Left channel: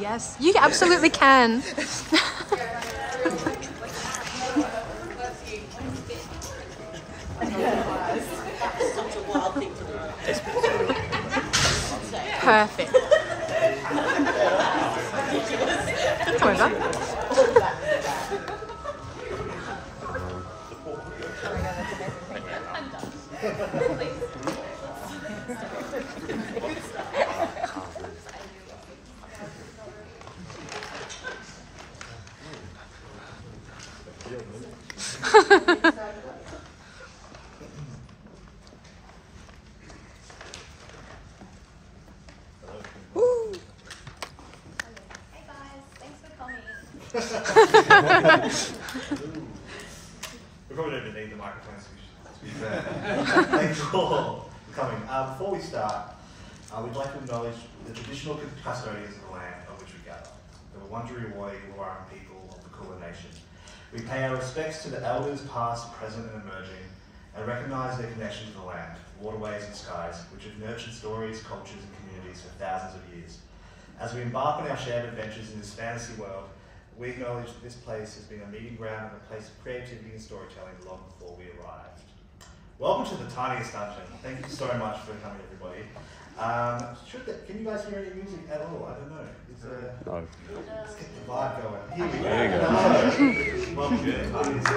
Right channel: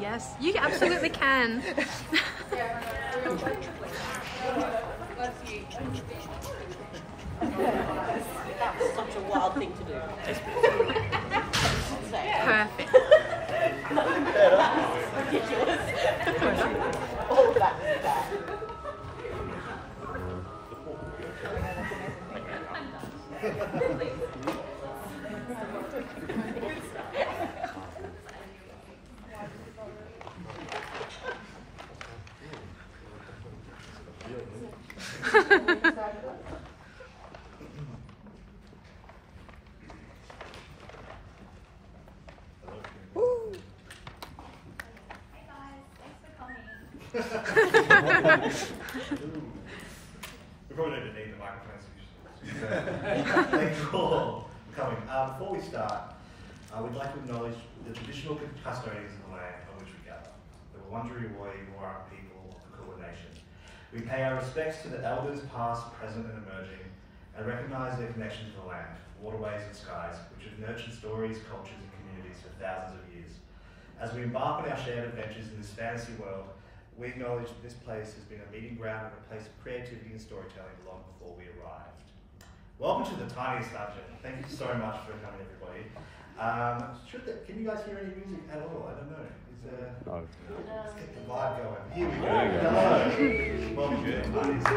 Yes, you absolutely can. Perfect. We probably don't even need the microphone. Thank you all for coming. Before we start, we'd like to acknowledge the traditional custodians of the land on which we gather, the Wurundjeri Woi-wurrung people of the Kulin Nation. We pay our respects to the elders past, present and emerging, and recognise their connection to the land, waterways and skies, which have nurtured stories, cultures and communities for thousands of years. As we embark on our shared adventures in this fantasy world, we acknowledge that this place has been a meeting ground and a place of creativity and storytelling long before we arrived. Welcome to the Tiniest dungeon. Thank you so much for coming, everybody. Can you guys hear any music at all? I don't know. No. Let's get the vibe going. Here we go. Hello. Welcome to the Tiniest.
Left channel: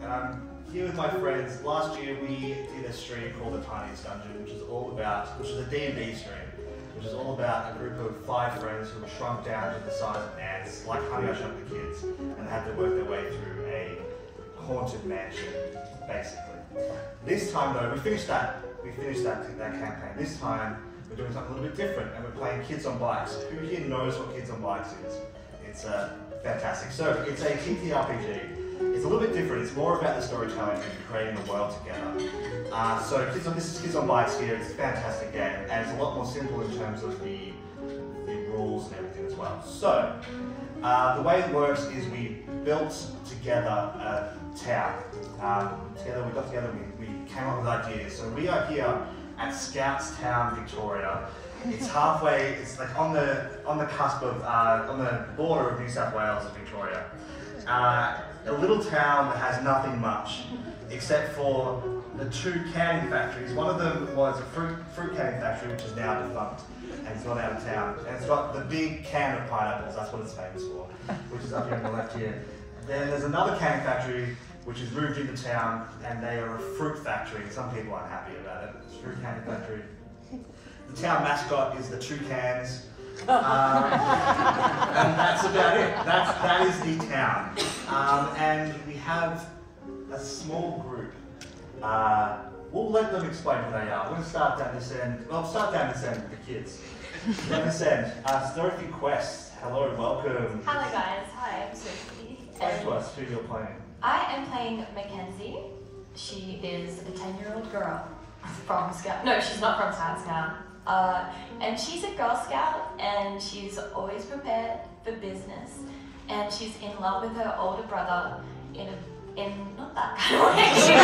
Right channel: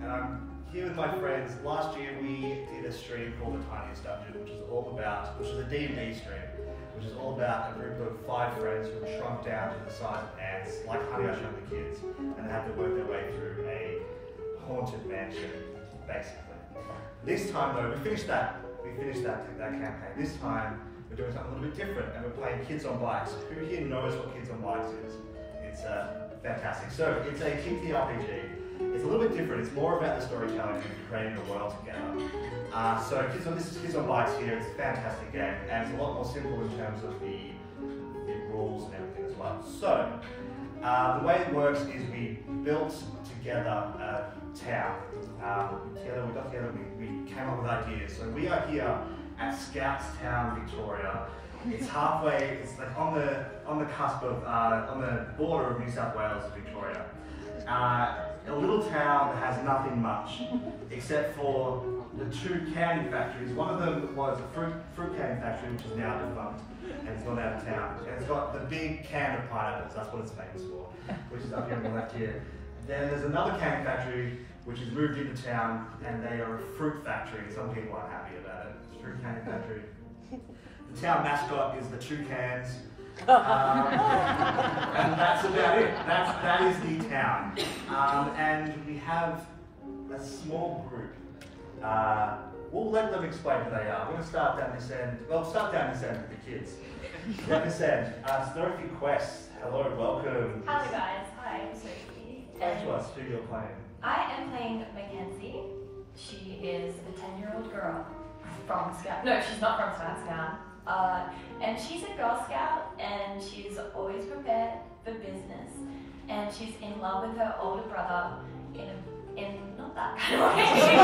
And I'm here with my friends. Last year we did a stream called the Tiniest Dungeon, which is a D&D stream, which is all about a group of 5 friends who were shrunk down to the size of ants, like Honey, I Shrunk the Kids, and they had to work their way through a haunted mansion, basically. This time though, we finished that campaign. This time we're doing something a little bit different, and we're playing Kids on Bikes. Who here knows what Kids on Bikes is? It's fantastic. So it's a TTRPG. It's a little bit different. It's more about the storytelling and creating the world together. This is Kids on Bikes here. It's a fantastic game, and it's a lot more simple in terms of the rules and everything as well. So the way it works is we built together a town. We got together. We came up with ideas. So we are here at Scoutstown, Victoria. It's halfway. It's like on the cusp of on the border of New South Wales and Victoria. A little town that has nothing much, except for the 2 canning factories. One of them was a fruit canning factory, which is now defunct, and it's gone out of town. And it's got the big can of pineapples, that's what it's famous for, which is up here on the left here. Then there's another canning factory, which has moved into town, and they are a fruit factory, and some people aren't happy about it. It's a fruit canning factory. The town mascot is the 2 cans. And that's about it. That is the town. And we have a small group. We'll let them explain who they are. I'm going to start down this end. Well, start down this end with the kids. Down this end. Stir a few quests. Hello and welcome. Hello guys. Hi, I'm Sophie. Explain to us who you're playing. I am playing Mackenzie. She is a 10-year-old girl from Scout. No, she's not from Scout. And she's a Girl Scout, and she's always prepared for business, and she's in love with her older brother in not that kind of way. You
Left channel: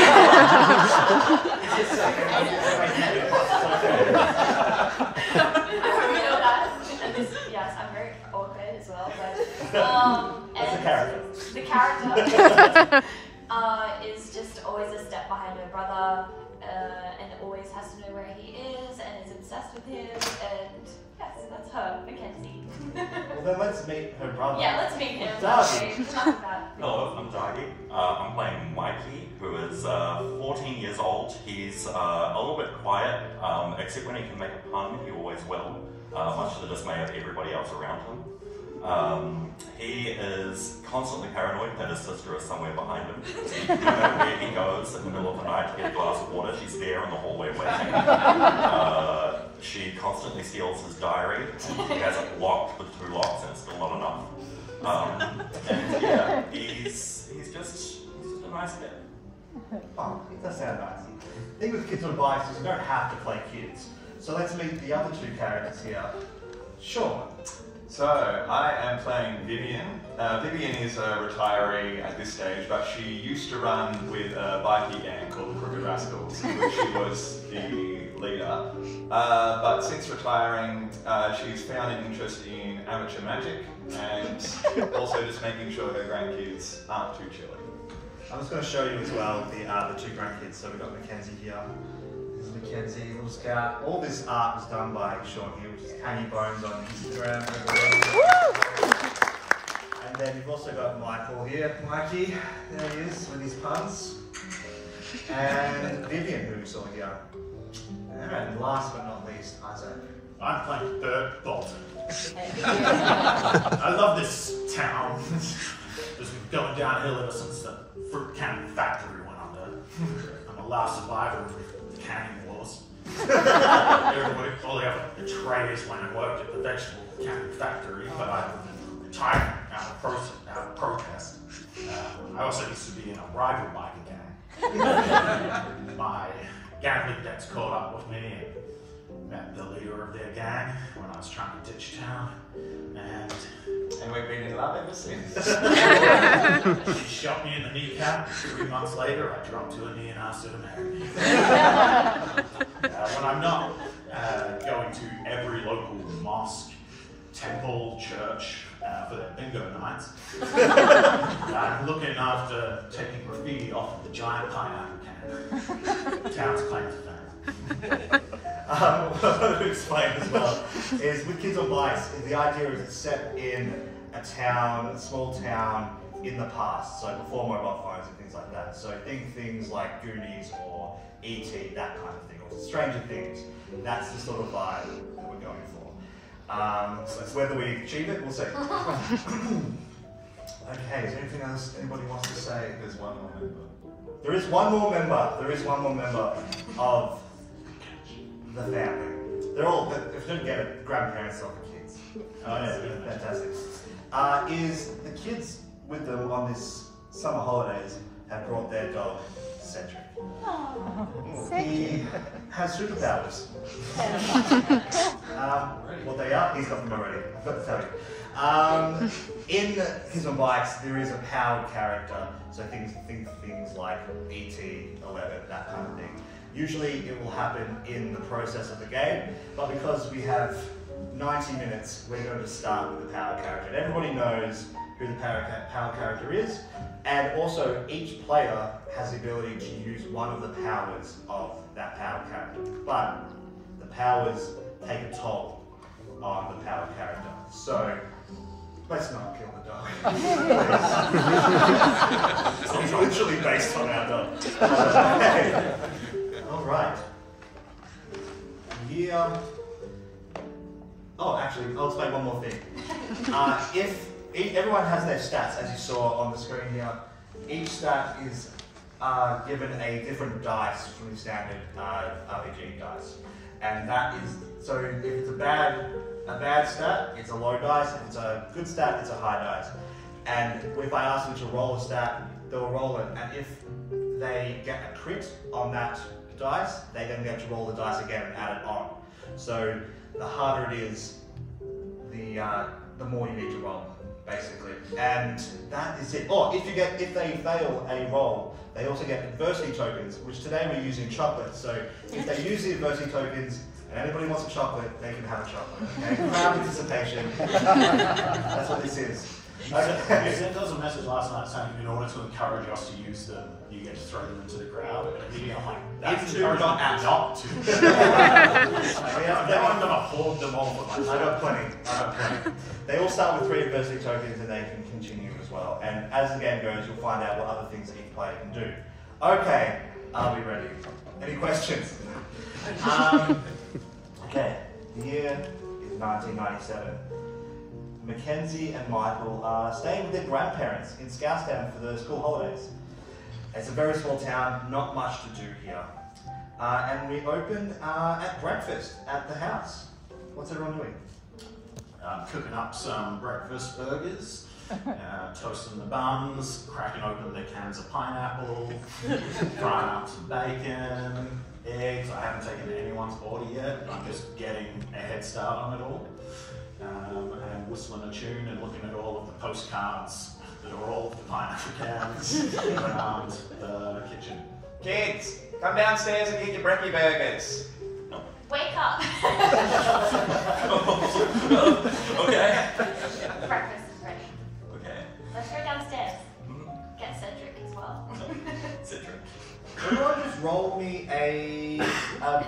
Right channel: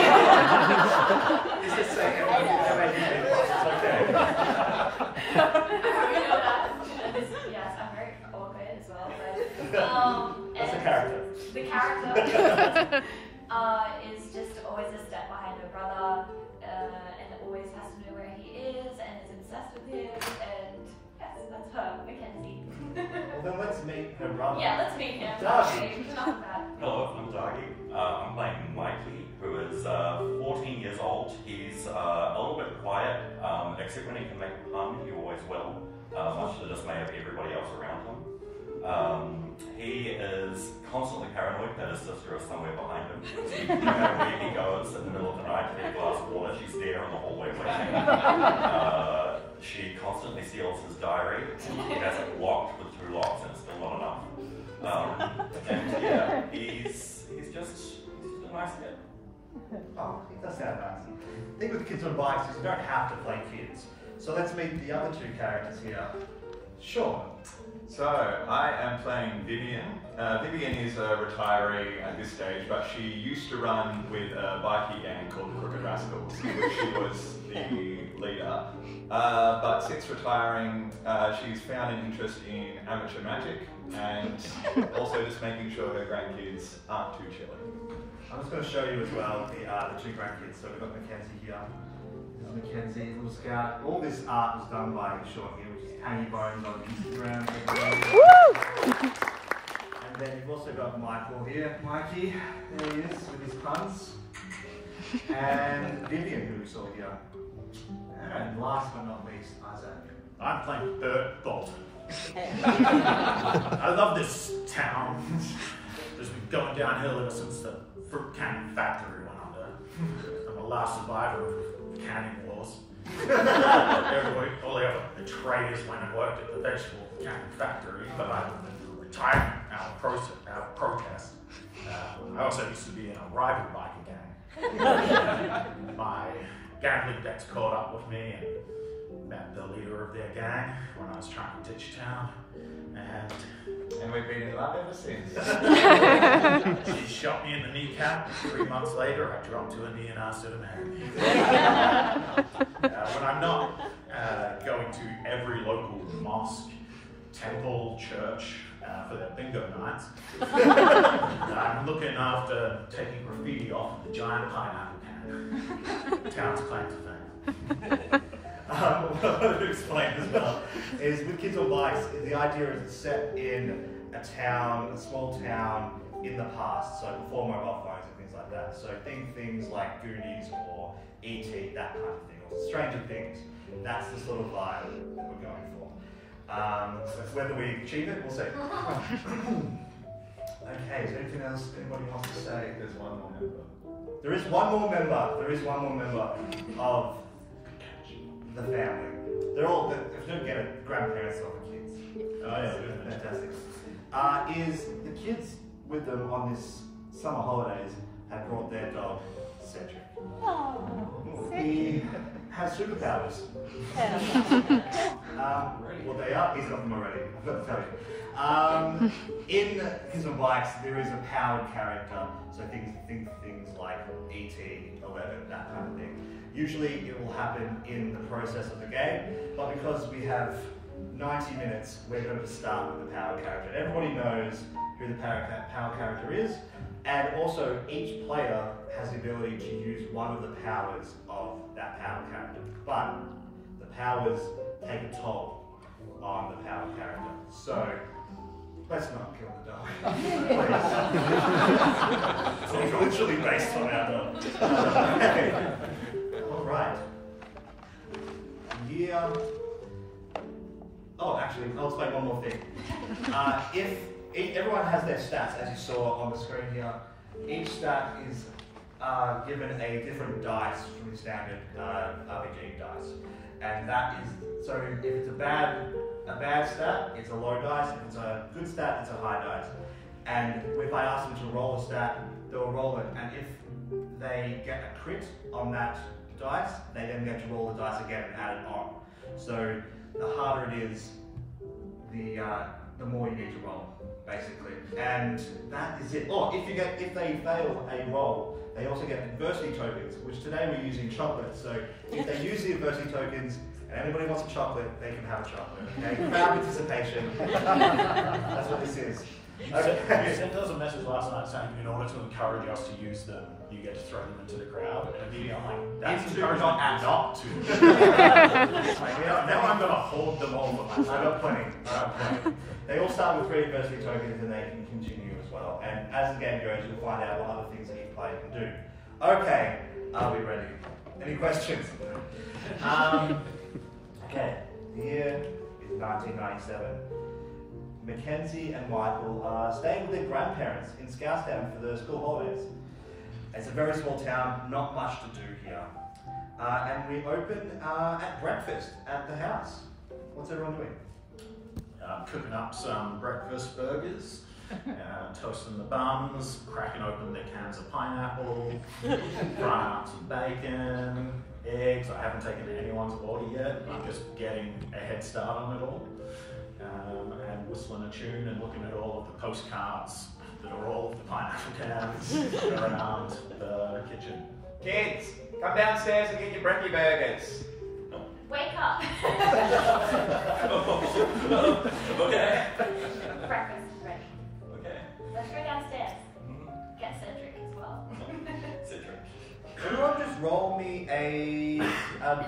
know that. And this, yes, I'm very awkward as well. But, That's the character. The character is just always a step behind her brother, and always has to know where he is, and is obsessed with him, and yes, that's her, Mackenzie. Well then let's meet her brother. Yeah, let's meet him. Darcy. Hello, I'm Darcy. I'm playing Mikey, who is 14 years old. He's a little bit quiet, except when he can make a pun, he always will, much to the dismay of everybody else around him. He is constantly paranoid that his sister is somewhere behind him. No matter where he goes in the middle of the night to get a glass of water, she's there in the hallway waiting. She constantly steals his diary, and he has it locked with 2 locks, and it's still not enough. And yeah, he's just a nice kid. Oh, it does sound nice. The thing with Kids on Bikes is you don't have to play kids. kids. So let's meet the other two characters here. Sean. So, I am playing Vivian. Vivian is a retiree at this stage, but she used to run with a bikie gang called the Crooked Rascals, in which she was the leader. But since retiring, she's found an interest in amateur magic and also just making sure her grandkids aren't too chilly. I'm just going to show you as well the two grandkids. So we've got Mackenzie here. This is Mackenzie, little scout. All this art was done by Sean here, which is Hanging Bones on Instagram. And then you've also got Michael here. Mikey, there he is with his puns. And Vivian, who we saw here. And last but not least, Isaac. I'm playing Bert Bolton. I love this town. It's been going downhill ever since the fruit canning factory went under. I'm the last survivor of the canning wars. All the other traders went and worked at the vegetable canning factory, but I retired out of protest. I also used to be in a rival biker gang. My gambling debts caught up with me and met the leader of their gang when I was trying to ditch town. And we've been in love ever since. She shot me in the kneecap. 3 months later, I dropped to a knee and asked her to marry me. When I'm not going to every local mosque, temple, church for their bingo nights, I'm looking after taking graffiti off of the giant pineapple can. Town's claim to fame. What I want to explain as well is with Kids on Bikes, the idea is it's set in a town, a small town in the past, so before mobile phones and things like that. So think things like Goonies or E.T., that kind of thing, or Stranger Things. That's the sort of vibe that we're going for. So it's whether we achieve it, we'll see. Okay, is there anything else anybody wants to say? There's one more member. There is one more member. There is one more member of the family. They're all, if you don't get it, grandparents of the kids. Oh yeah, fantastic. Is the kids with them on this summer holidays have brought their dog, Cedric. He has superpowers. Well, they are. He's got them already. I've got to tell you. In Kids on Bikes, there is a powered character. So think things like E.T., 11, that kind of thing. Usually it will happen in the process of the game, but because we have 90 minutes, we're going to start with the power character. And everybody knows who the power character is, and also each player has the ability to use one of the powers of that power character. But the powers take a toll on the power character. So let's not kill the dog. It's literally based on our dog. Alright. Here. Oh, actually, I'll explain one more thing. If everyone has their stats, as you saw on the screen here, each stat is given a different dice from the standard RPG dice. And that is, so if it's a bad stat, it's a low dice. If it's a good stat, it's a high dice. And if I ask them to roll a stat, they'll roll it. And if they get a crit on that dice, they then get to roll the dice again and add it on. So the harder it is, the more you need to roll, basically. And that is it. Or if they fail a roll, they also get adversity tokens, which today we're using chocolate. So if they use the adversity tokens and anybody wants a chocolate, they can have a chocolate. Okay? Crowd participation. That's what this is. You sent us a message last night saying in order to encourage us to use them, you get to throw them into the crowd. And immediately I'm like, that's encouragement not to. Now I'm going to hoard them all for myself. I got plenty. They all start with 3 adversity tokens and they can continue as well. And as the game goes, you'll find out what other things that each player can do. Okay, are we ready? Any questions? Okay, the year is 1997. Mackenzie and Michael are staying with their grandparents in Scoutstown for the school holidays. It's a very small town, not much to do here. And we open at breakfast at the house. What's everyone doing? I'm cooking up some breakfast burgers. Toasting the buns, cracking open their cans of pineapple, frying up some bacon, eggs. I haven't taken anyone's order yet. I'm just getting a head start on it all. And whistling a tune and looking at all of the postcards that are all of the pineapple cans around the kitchen. Kids, come downstairs and get your brekkie burgers. Wake up! Okay. Breakfast is ready. Okay. Let's go downstairs. Get Cedric as well. Cedric. Everyone just roll me a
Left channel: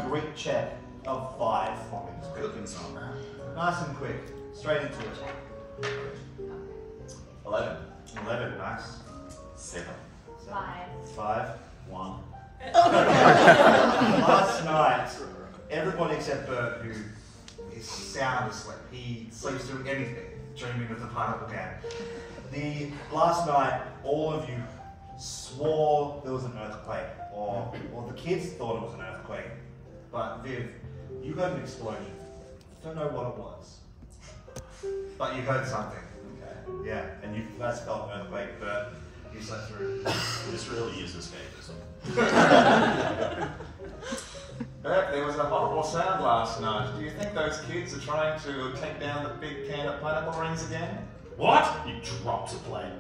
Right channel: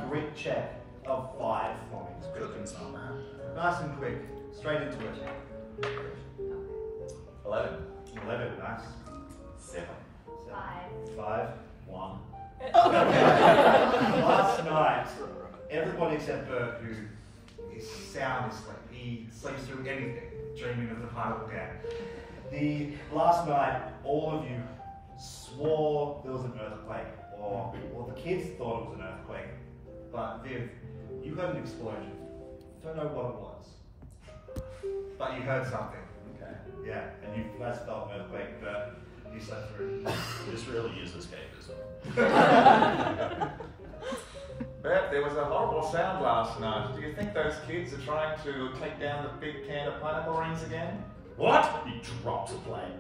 Greek check of 5 for me. Just quick. Cooking's not bad. Nice and quick. Straight into it. 11. 11, nice. 7. 5. 1. Last night, everybody except Bert, who is sound asleep, he sleeps through anything, dreaming of the pineapple can. Last night, all of you swore there was an earthquake, or the kids thought it was an earthquake, but Viv, you heard an explosion. Don't know what it was, but you heard something. Okay. Yeah, and you guys felt an earthquake, but you slept through. This really is escapism. Bert, there was a horrible sound last night. Do you think those kids are trying to take down the big can of pineapple rings again? What? He drops a plate.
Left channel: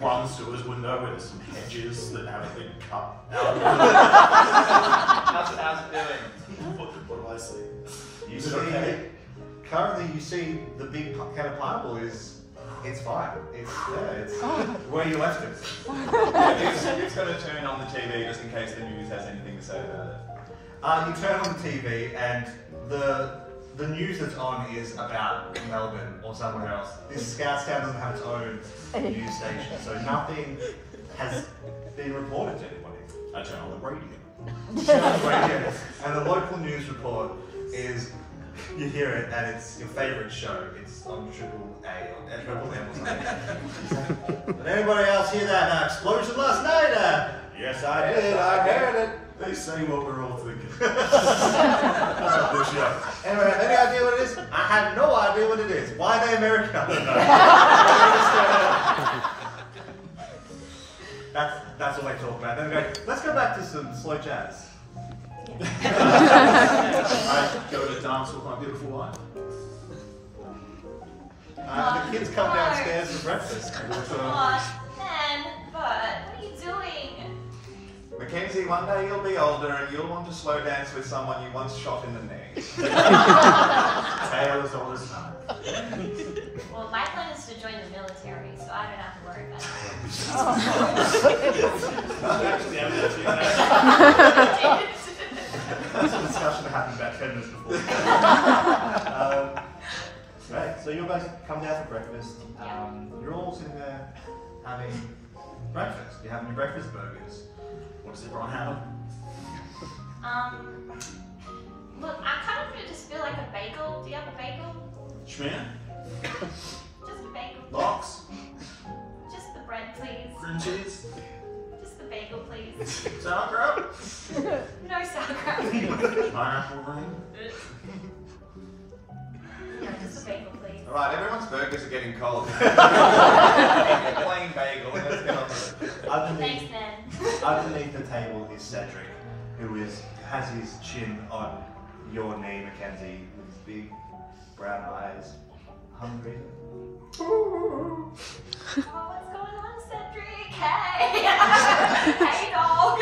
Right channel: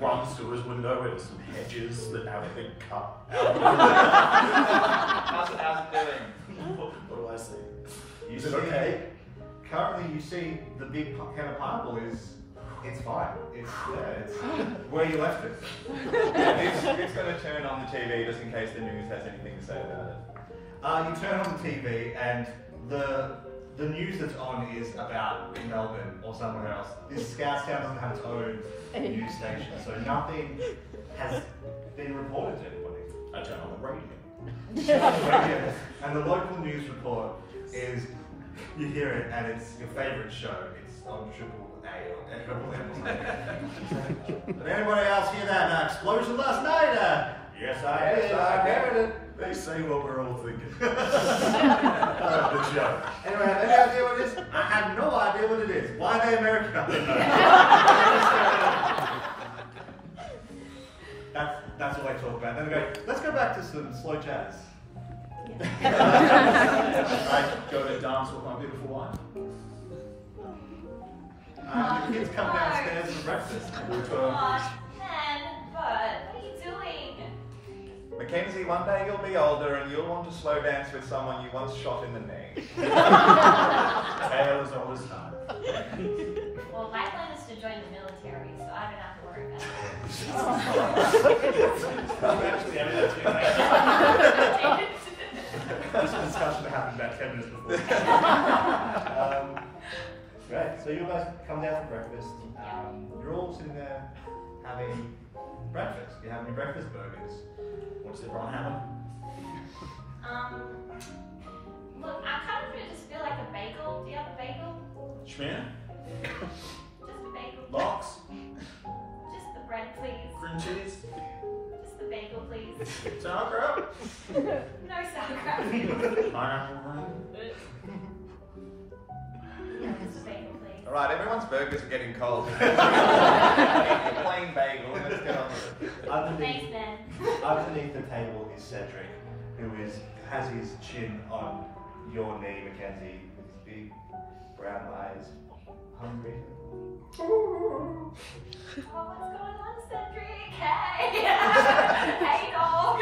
Runs to his window where there's some hedges that have a big cup out of it. How's it doing? What do I see? You see, currently you see the big can of pineapple it's fine. It's where you left it. It's going to turn on the TV just in case the news has anything to say about it. You turn on the TV and the news that's on is about Melbourne or somewhere else. This Scoutstown doesn't have its own news station, so nothing has been reported to anybody. I turn on the radio. You turn on the radio, and the local news report is, you hear it, and it's your favourite show. It's on Triple A or Triple M or something. Did anybody else hear that explosion last night? Yes, I did. I heard it. They say what we're all thinking. That's a good show. Anyone have any idea what it is? I have no idea what it is. Why are they American? I don't know. That's what they talk about. Then they go, let's go back to some slow jazz. I go to dance with my beautiful wife. The kids come downstairs for breakfast. Come on, man, Bert, what are you doing? Mackenzie, one day you'll be older and you'll want to slow dance with someone you once shot in the knee. Tale as old as time. Well, my plan is to join the military, so I don't have to worry about it. Actually, I mean, that's That's a discussion that happened about 10 minutes before. Great. So you guys come down for breakfast. You're all sitting there having breakfast. You're having your breakfast burgers. What's everyone having? Look, I kind of just feel like a bagel. Do you have a bagel? Schmear? Just a bagel. Lox? Just the bread, please. Cream cheese? Just the bagel, please. Sauerkraut? No sauerkraut. Pineapple ring? No, just a bagel, please. Alright, everyone's burgers are getting cold. Eat the plain bagel and let's get on with it. Thanks, man. Underneath the table is Cedric, who has his chin on your knee, Mackenzie, with his big brown eyes. Hungry. Oh, what's going on, Cedric? Hey! Hey, dog!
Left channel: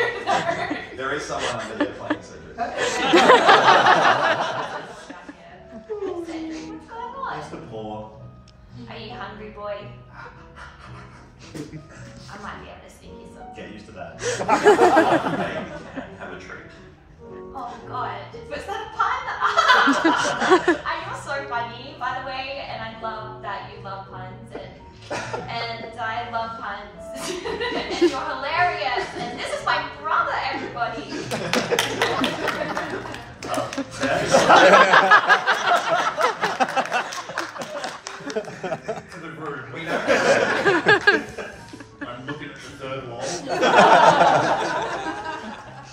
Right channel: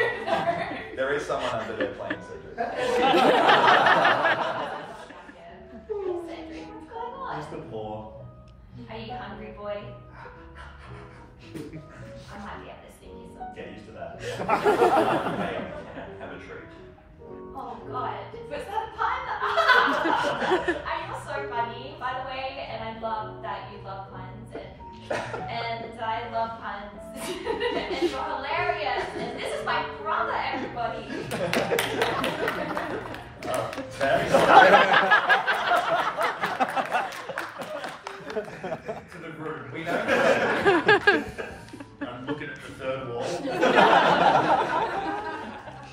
There is someone under there playing Cedric. Cedric, what's going on? Just a paw. Are you hungry, boy? I might be able to sneak you some. Get used to that. Have a treat. Oh god, was that a pun? You're so funny, by the way, and I love that you love puns, and I love puns, and you're hilarious, and this is my brother, everybody. To the group. We know. I'm looking at the third wall.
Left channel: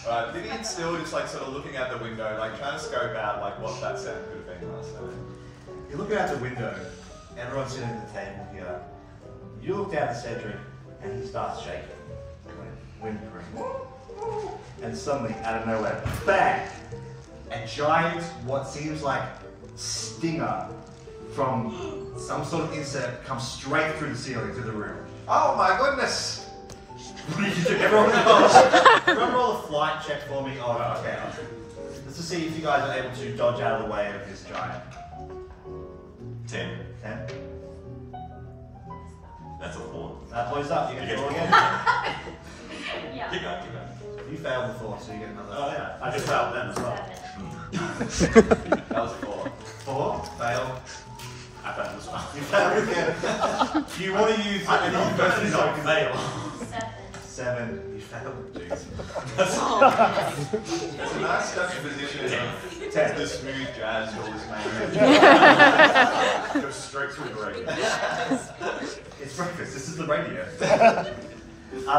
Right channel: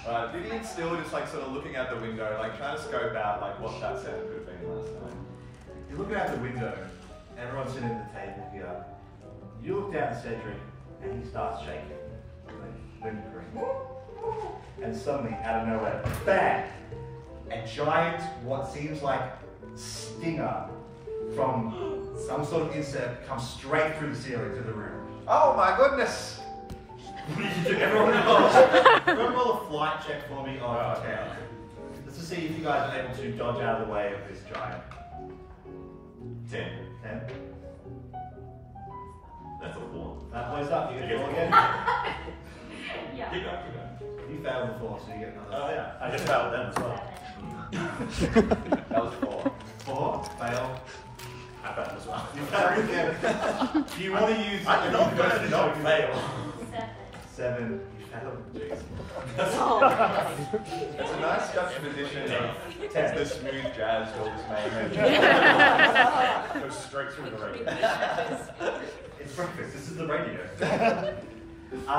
Alright, Vivian's still just like sort of looking out the window, like trying to scope out like what that sound could have been last night. You're looking out the window, everyone's sitting at the table here. You look down at Cedric, and he starts shaking. Whimpering. And suddenly, out of nowhere, bang! A giant, what seems like stinger from some sort of insect comes straight through the ceiling, through the roof. Oh my goodness! What do you do? Everyone roll a flight check for me of 10. Just to see if you guys are able to dodge out of the way of this giant. 10. 10. That's a 4. That points up, you get to roll again. Yeah. Keep going, keep going. You failed before, so you get another. Oh yeah, I just failed them as well. 7. That was 4. 4, fail. I failed as well. You failed again. Do you want to use I did not any not fail. 7. 7, you failed. Jeez. It's a nice juxtaposition of 10. the smooth jazz all this made. Goes straight through the regular. It's breakfast, this is the radio.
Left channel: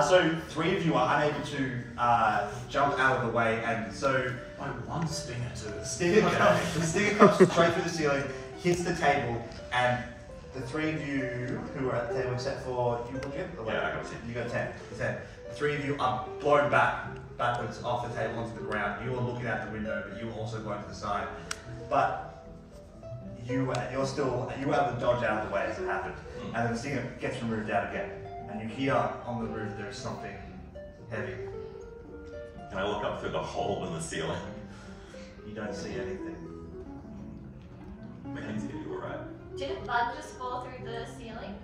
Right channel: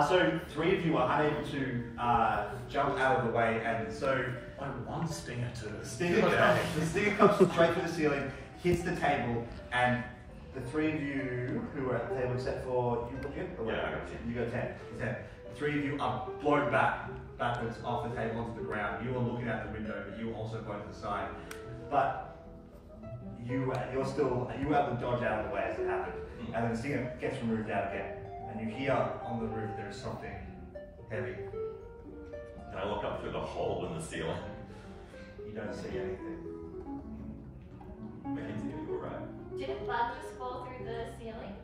So 3 of you are unable to jump out of the way, and so Only one stinger to the stinger comes straight through the ceiling, hits the table, and the 3 of you who are at the table, except for you, Jim? Yeah, I got 10. You got 10. 10. The 3 of you are blown backwards off the table onto the ground. You are looking out the window, but you are also blown to the side. But you were able to dodge out of the way as it happened, and then the stinger gets removed out again. And you hear on the roof there is something heavy. Can I look up through the hole in the ceiling? You don't see anything. Mackenzie, are you alright? Did a bug just fall through the ceiling?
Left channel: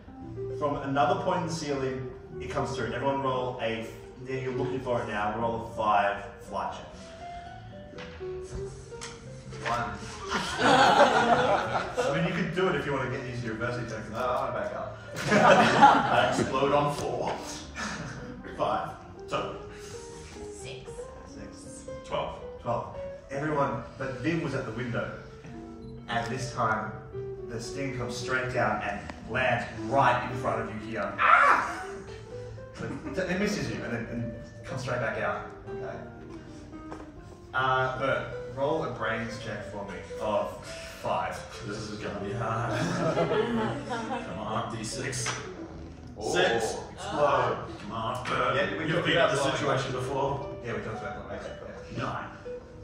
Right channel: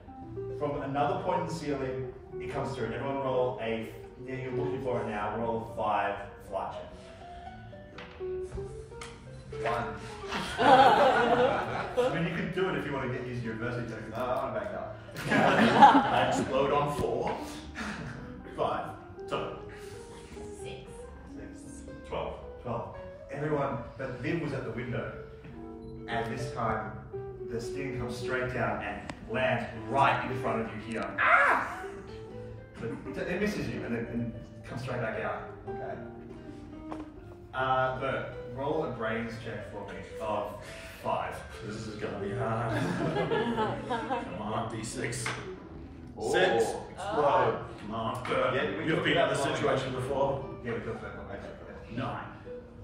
From another point in the ceiling, it comes through. Everyone roll a. You're looking for it now. Roll a 5 flight check. 1. I mean, you could do it if you want to get used to your adversity tactics. No, I want to back up. I explode on 4. 5. So 6. 6. 12. 12. Everyone, but Viv was at the window, and this time the sting comes straight down and lands right in front of you here. Ah! But it misses you and then comes straight back out. Okay. Bert, roll a brains check for me of 5. this is gonna be hard. Come on, D6. 6. Oh. Explode. Come on, Bert. Yeah, we You've talked been in about this blowing situation before. Yeah, we talked about that. Okay, cool. 9.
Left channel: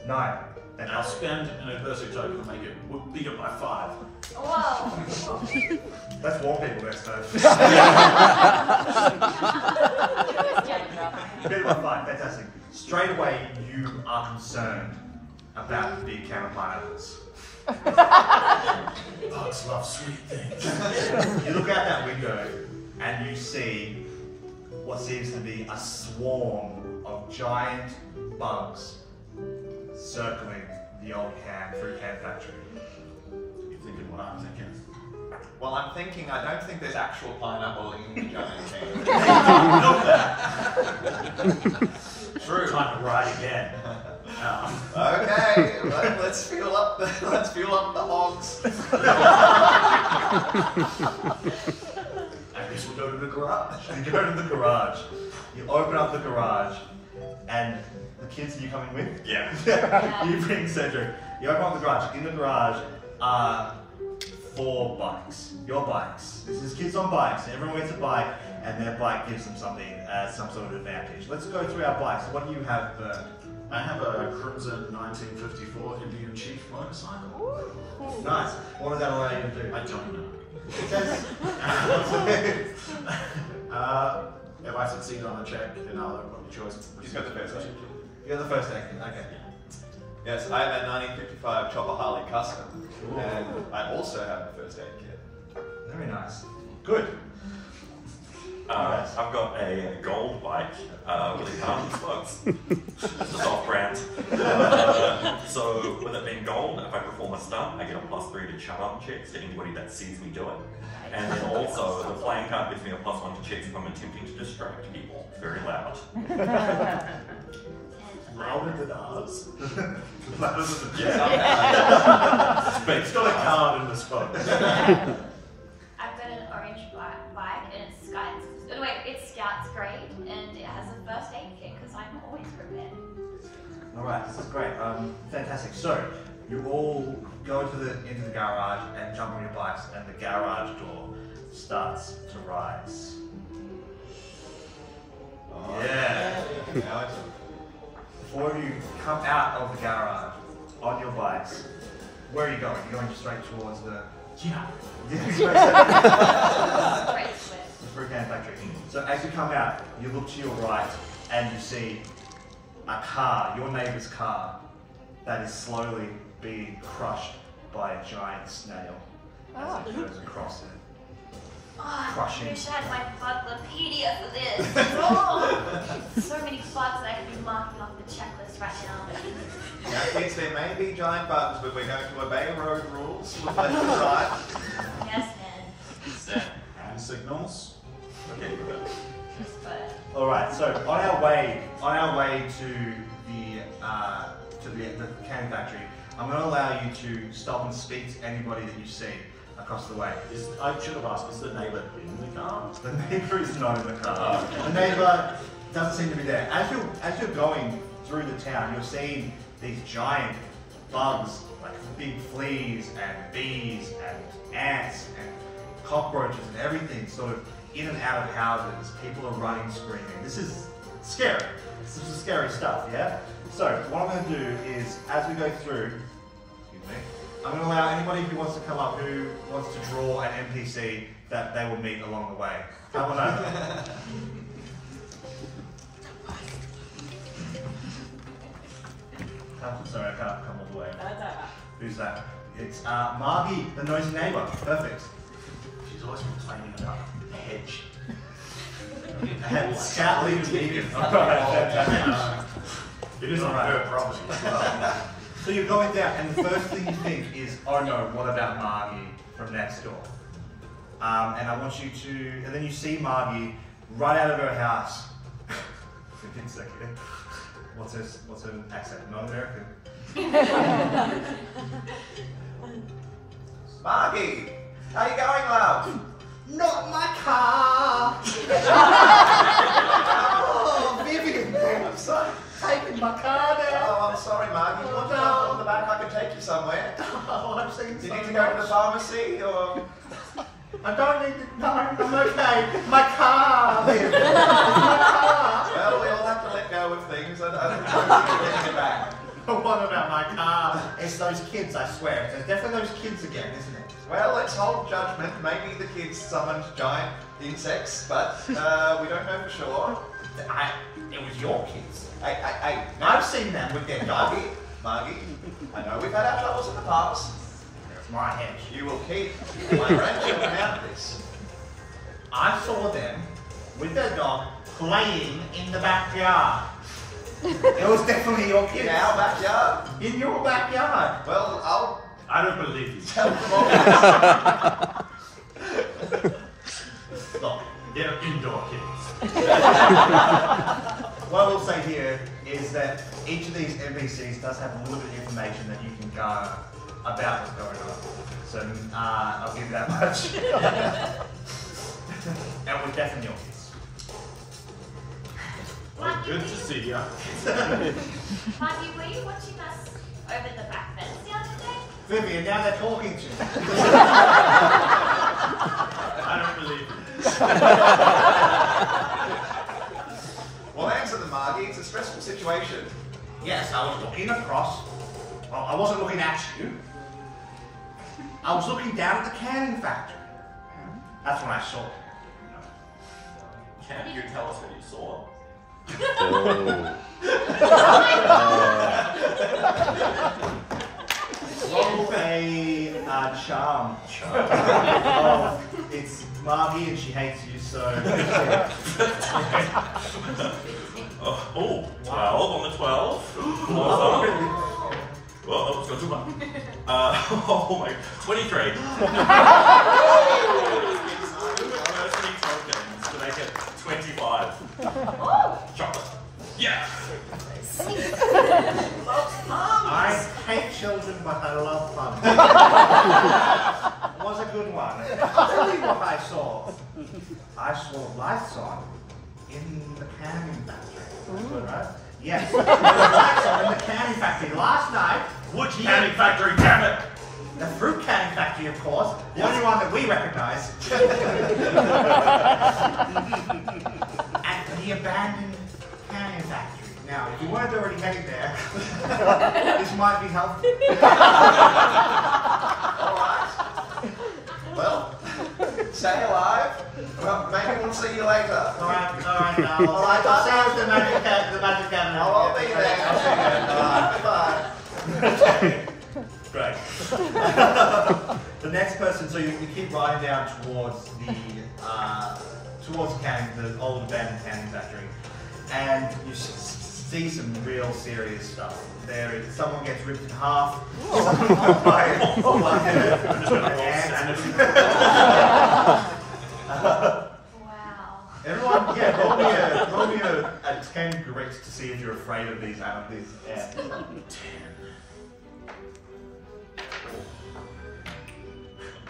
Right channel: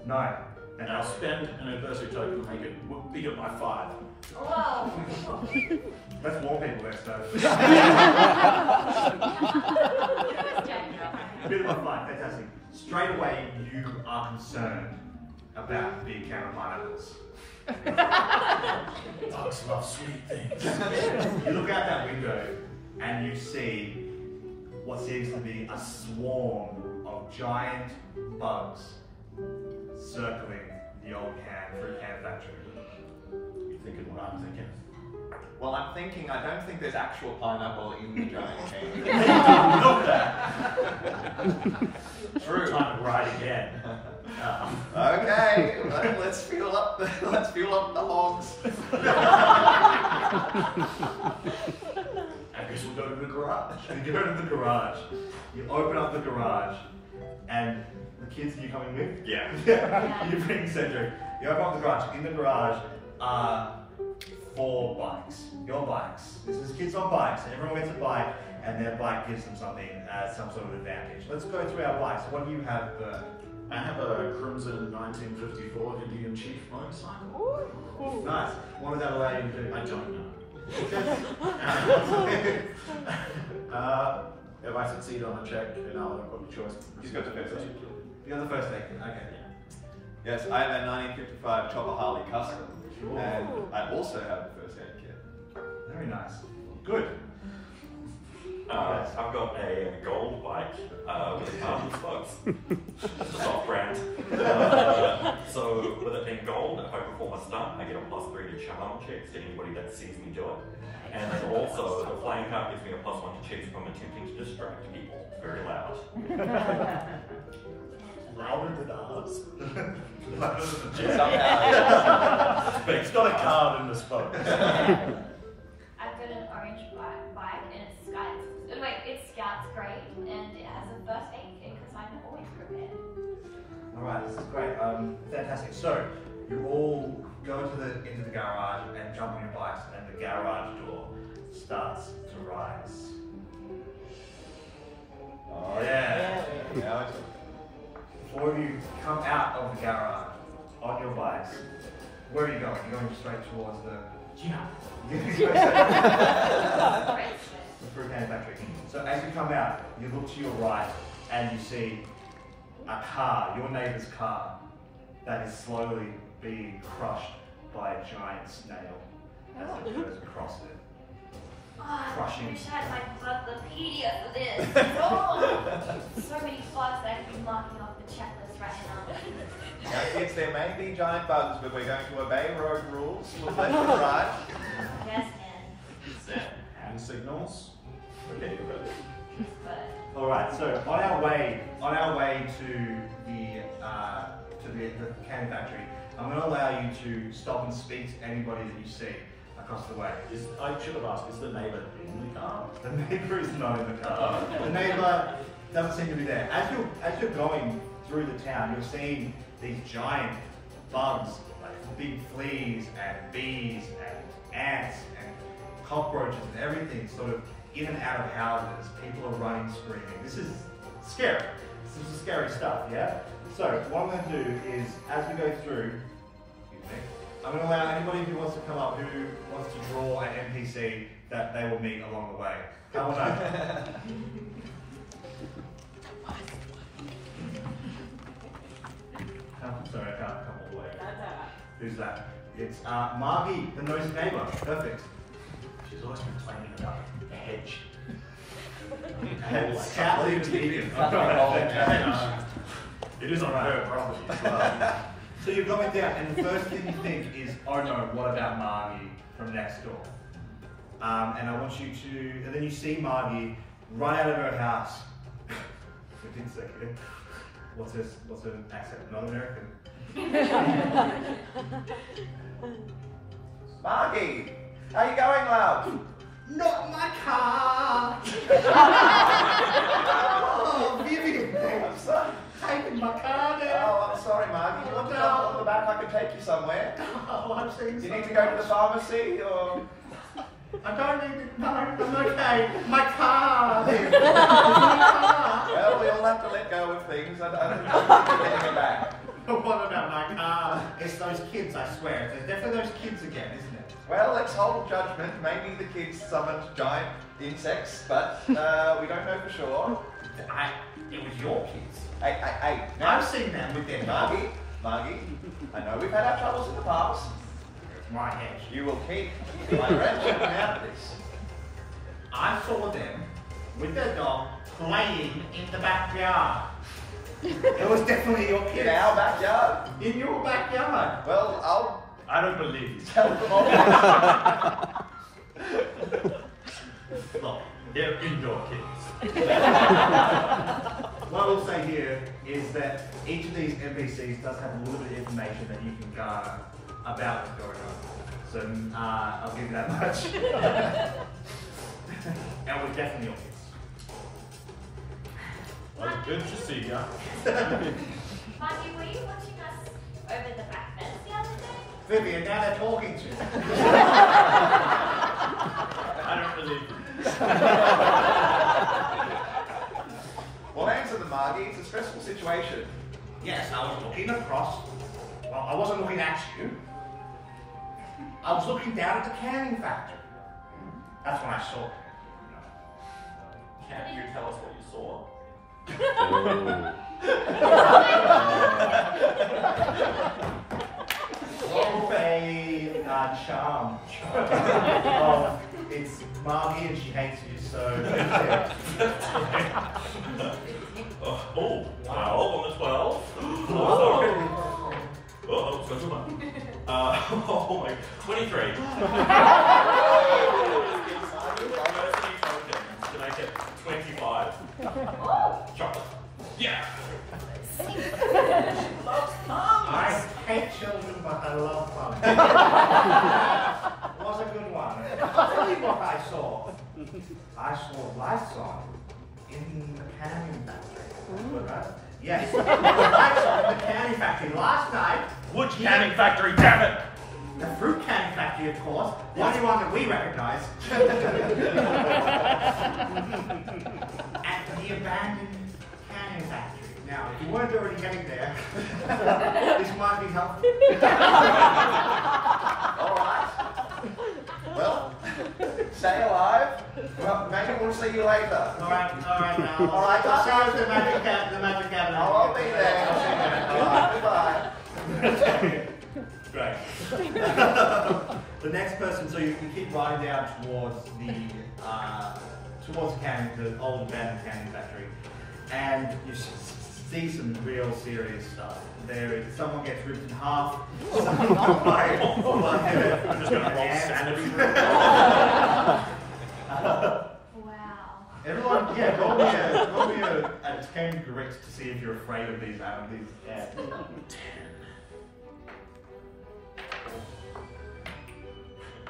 9. And I'll spend an adversity token to make it bigger by 5. Wow. Let's warn people next time. Bit of a fight, fantastic. Straight away, you are concerned about the big can of pineapples. Bugs love sweet things. You look out that window and you see what seems to be a swarm of giant bugs circling the old fruit can factory. You're thinking what I'm thinking. Well, I'm thinking, I don't think there's actual pineapple in the giant can. Know that. True. Time to ride again. Okay, let's fuel up the hogs. I guess we'll go to the garage. You go to the garage, you open up the garage, and the kids you're coming with? Yeah. You bring Cedric. You open up the garage. In the garage are 4 bikes. Your bikes. This is kids on bikes. Everyone gets a bike, and their bike gives them something, some sort of advantage. Let's go through our bikes. What do you have, Bert? I have a Crimson 1954 Indian Chief motorcycle. Nice. What does that allow you to do? I don't know. It says... If I succeed on a check, then I'll put the choice. He's got the first aid. You're the first aid kit. Okay. Yes, I have a 1955 Chopper Harley Custom, and I also have the first aid kit. Very nice. Good. I've got a gold bike with a carbon spokes. It's a soft brand. So with it being gold, if I perform a stunt, I get a +3 to shut-up checks to anybody that sees me do it. And then also, the flying card gives me a +1 to checks if I'm attempting to distract people. Very loud. Louder than ours. Yeah. It's got a card in the spoke. I've got an orange bike and it's Scouts. Oh, wait, it's Scouts grade and it has a first aid kit because I'm always prepared. Alright, this is great. Fantastic. So, You all go into the garage and jump on your bikes, and the garage door starts to rise. Oh, Yeah. Now it's Before you come out of the garage on your bikes, where are you going? You're going straight towards the fruit canning factory. So as you come out, you look to your right and you see a car, your neighbour's car, that is slowly being crushed by a giant snail as it goes across it. Oh, I Crushing. wish I had my Buglopedia for this. Oh, so many bugs I could be marking off the checklist right now. Now, kids, there may be giant bugs, but we're going to obey road rules. Look left and right. Yes, man. Set hand signals. Okay, you go. But All right. So on our way to the canning factory, I'm going to allow you to stop and speak to anybody that you see across the way. I should have asked, is the neighbour in the car? The neighbour is not in the car. The neighbour doesn't seem to be there. As you're going through the town, you're seeing these giant bugs, like big fleas and bees and ants and cockroaches and everything sort of in and out of houses. People are running, screaming. This is scary. This is scary stuff, yeah? So what I'm going to do is, as we go through, I'm going to allow anybody who wants to come up, who wants to draw an NPC that they will meet along the way. Come on over. Sorry, I can't come all the way. Who's that? It's Margie, the nosy neighbour. Perfect. She's always complaining about the hedge. And sadly, it's vegan. It isn't her property as well. So you're going down, and the first thing you think is, oh no, what about Margie from next door? And I want you to, and then you see Margie run out of her house. What's her accent? Not American. Margie, how you going, love? Not my car! Oh, Vivian, I'm sorry. taking my car now. Oh, I'm sorry, Margie. You want to jump on the back? I can take you somewhere. Oh, I've seen Do you need so to go to the much. pharmacy or? I don't need to, no, I'm okay. My car, Vivian. It's my car. Well, we all have to let go of things. I don't think we're getting it back. What about my car? It's those kids, I swear. It's definitely those kids again, isn't it? Well, let's hold judgment. Maybe the kids summoned giant insects, but we don't know for sure. It was your kids. Hey, I've seen them with their dog. Margie, I know we've had our troubles in the past. There's my hedge. You will keep my grandchildren out of this. I saw them with their dog playing in the backyard. It was definitely your kids. In our backyard? In your backyard. Well, I don't believe you. tell them all. Look, they're indoor kids. What I will say here is that each of these NPCs does have a little bit of information that you can garner about what's going on. So I'll give you that much. And we're definitely your kids. Well, good to see you. Mikey, were you watching us over the back fence the other day? Vivian, now they're talking to you. I don't believe you. Well, answer them, Margie. It's a stressful situation. Yes, I was looking across. Well, I wasn't looking at you. I was looking down at the canning factory. That's when I saw it. Can't you tell us what you saw? Roll a charm. It's Margie and she hates you, so. Oh, 12 on the 12. Well, let's go through one. Oh my, 23. Diversity tokens to make it 25. Chocolate. Yeah. I hate children, but I love fun. It was a good one. I'll tell you what I saw. I saw lights on in the canning factory. That's good, right? Yes, there were lights on in the canning factory last night Wood canning factory, damn it! The fruit canning factory, of course. The only one that we recognise. And the abandoned canning factory. Now, if you weren't already heading there, this might be helpful. Alright. Well, stay alive. Well, maybe we'll see you later. Alright. Alright, I'll see you at the magic cabinet. I'll be there. I'll see you there. Alright, goodbye. Great. The next person, so you keep riding down towards the canning, the old abandoned canning factory, and you see some real serious stuff. There is someone gets ripped in half. By an ant. Wow. Everyone, roll me a 10 grit to see if you're afraid of these ants.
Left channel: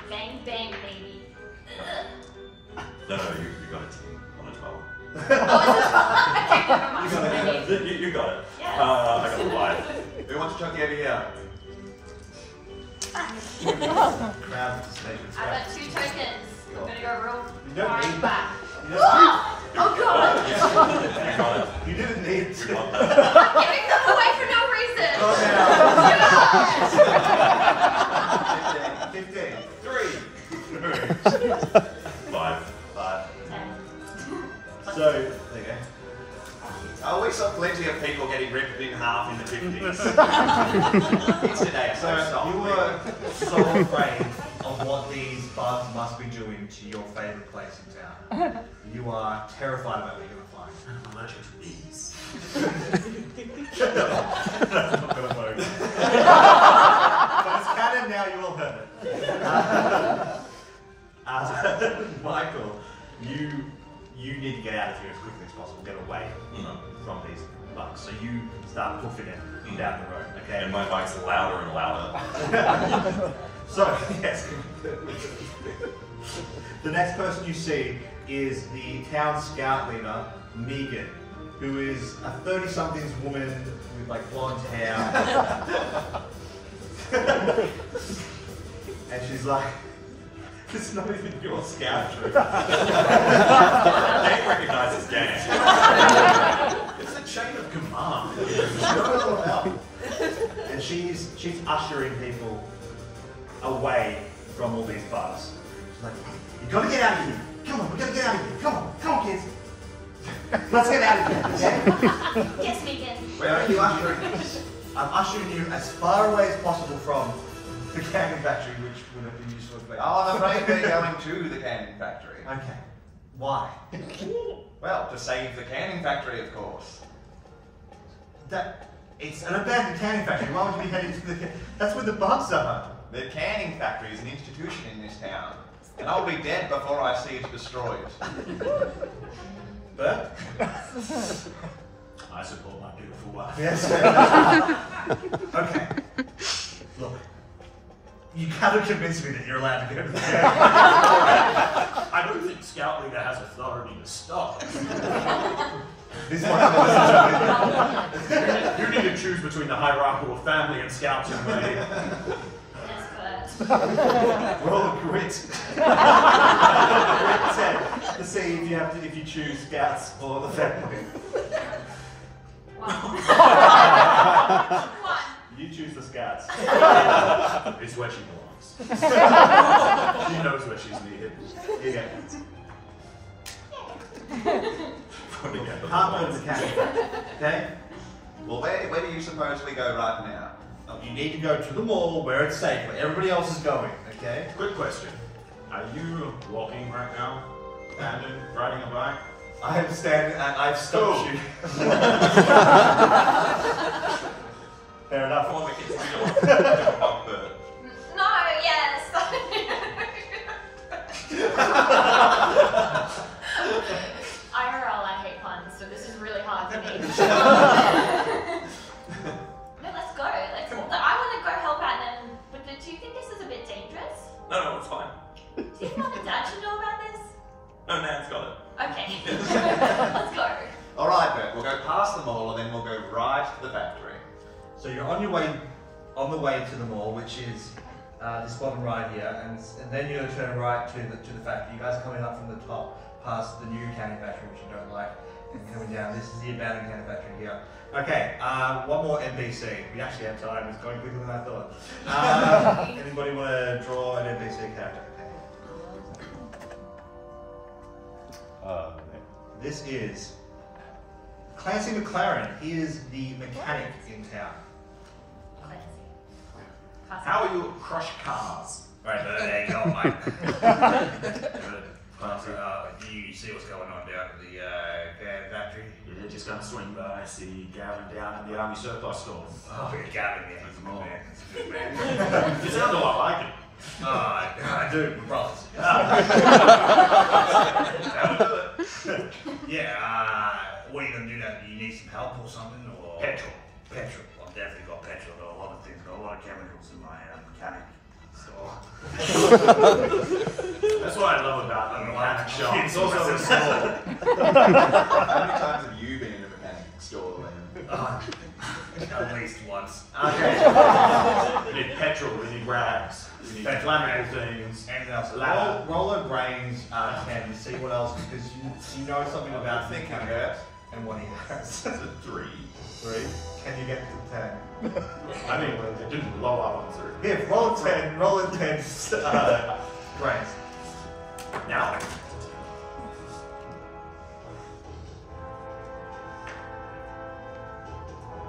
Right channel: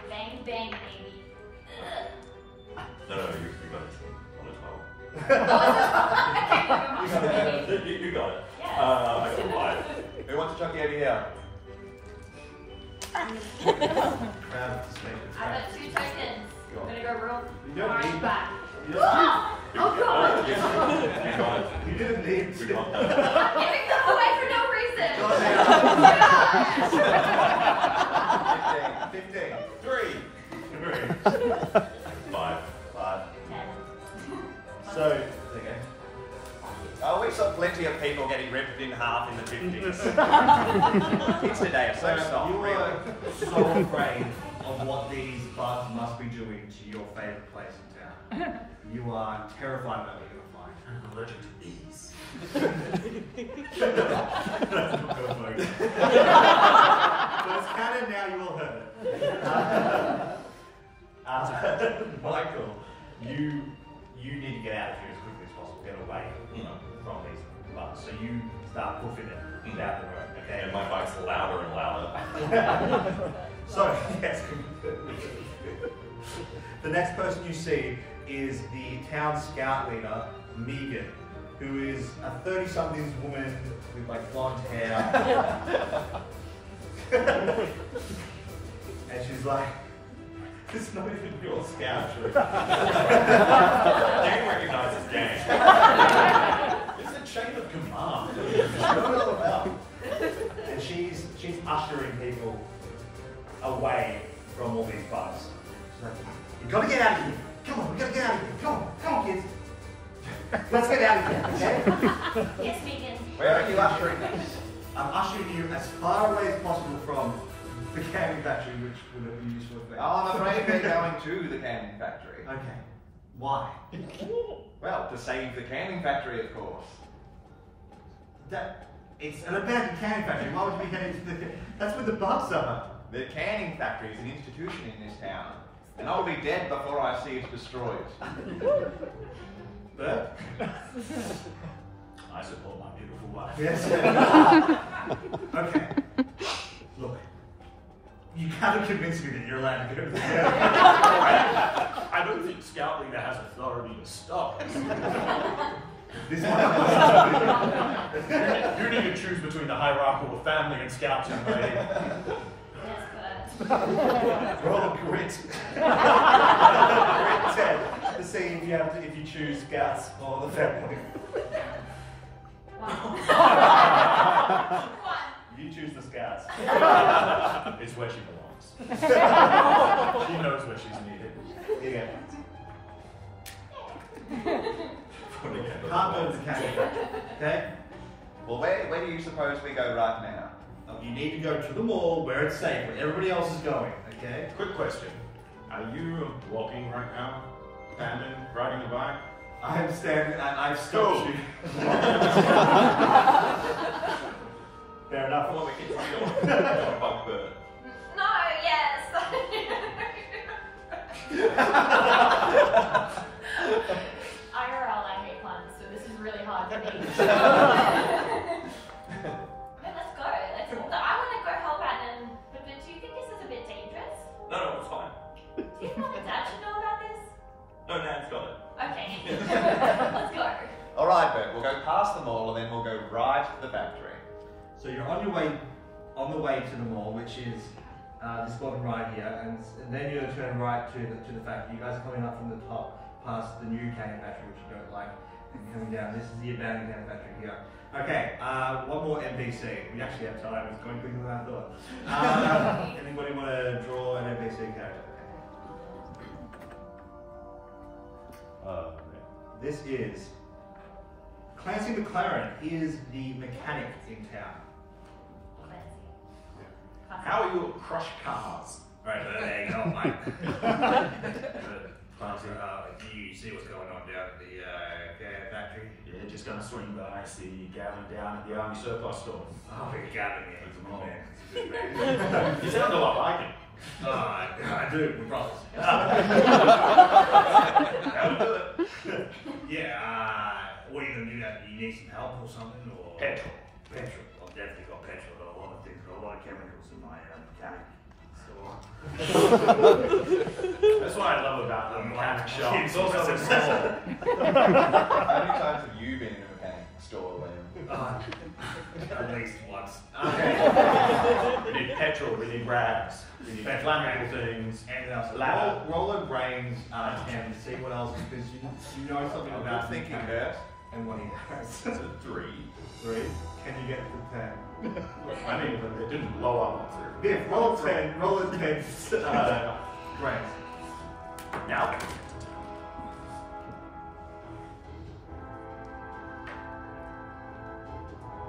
Bang, bang, baby. No, you got it on the 12. Okay, never mind. You got it. Yes. I got the 5. Who wants to chuck it here? Crowd to stay. I got 2 tokens. I'm gonna go real You don't far need back. You don't need. Oh god! You got it. You didn't need You to. got that. I'm giving them away for no reason! Go now. 15. 3. 5. 5. 10. So, there you go. Oh, we saw plenty of people getting ripped in half in the 50s. Kids today are so soft. You were so afraid of what these bugs must be doing to your favourite place in town. You are terrified about what you're going to find. I'm allergic to bees. That's not going to vote. But it's canon now, you all heard it. Michael, you need to get out of here as quickly as possible. Get away from these bugs. So you start hoofing it down the road, okay? And my bike's louder and louder. So, yes. The next person you see is the town scout leader, Megan, who is a 30-somethings woman with like blonde hair. And she's like, it's not even your scout troop. They recognize this gang. It's a chain of command. And she's ushering people away from all these bugs. She's like, you gotta get out of here. Come on, we gotta get out of here. Come on, kids. Let's get out of here, okay? Yes, Megan. Where are you ushering? I'm ushering you as far away as possible from the canning factory, which would have been useful for Oh, I'm afraid we're going to the canning factory. Okay. Why? Well, to save the canning factory, of course. It's an abandoned canning factory. Why would you be heading to the... That's where the bugs are. The canning factory is an institution in this town, and I'll be dead before I see it destroyed. Bert? I support my beautiful wife. Yes. Okay. Look. You haven't convinced me that you're allowed to go to the canning factory. I don't think Scout Leader has authority to stop. This one. You need to choose between the hierarchical family and Scouts and me. Yes, but... Roll a grit. Grit 10 to see if you choose Scouts or the family. 1. You choose the Scouts. It's where she belongs. She knows where she's needed. Here you go. When we get to the Can't go to ones. the canning factory. Okay? Well, where do you suppose we go right now? You need to go to the mall where it's safe, where everybody else is going, okay? Quick question. Are you walking right now? Standing? Riding a bike? I'm standing and I've stopped you. Fair enough. Come on, we can still bug bird. No, yes! IRL, I hate puns, so this is really hard for me. No, let's go. I want to go help out them. But do you think this is a bit dangerous? No, it's fine. Do you want my dad to know about this? No, Nan's got it. Okay. Let's go. Alright, Bert, we'll go past the mall and then we'll go right to the factory. So you're on your way on the way to the mall, which is this bottom right here, and then you're going to turn right to the factory. You guys are coming up from the top, past the new canning factory, which you don't like, and coming down. This is the abandoned canning factory here. Okay, one more NPC. We actually have time. It's going quicker than I thought. Anybody want to draw an NPC character? This is Clancy McLaren. He is the mechanic in town. How are you at Crush Cars? Right, there you go, Mike. Do you see what's going on down at the canning factory? Yeah, just gonna swing by. I see Gavin down at the Army Surplus store. Oh, you're Gavin, yeah. He's a good man. He's a good man. You sound a lot like him. I do, we're brothers. That would do it. Yeah, what are you going to do now? You need some help or something? Or Petrol. Petrol. I've definitely got petrol. Got a lot of things. Got a lot of chemicals in my mechanic store. That's what I love about the mechanic shop. It's also the store. How many times have you been in a mechanic store, Liam? At least once. Okay. We need petrol, we need rags, we need flammable things. Anything else? Ladder. Roll a brains 10 to see what else, because you know something about thinking mechanic about. and what he has. That's a 3. 3. Can you get to 10? I mean, it didn't blow up on 3. Yeah, roll a 10. Roll a 10. Brains. Now.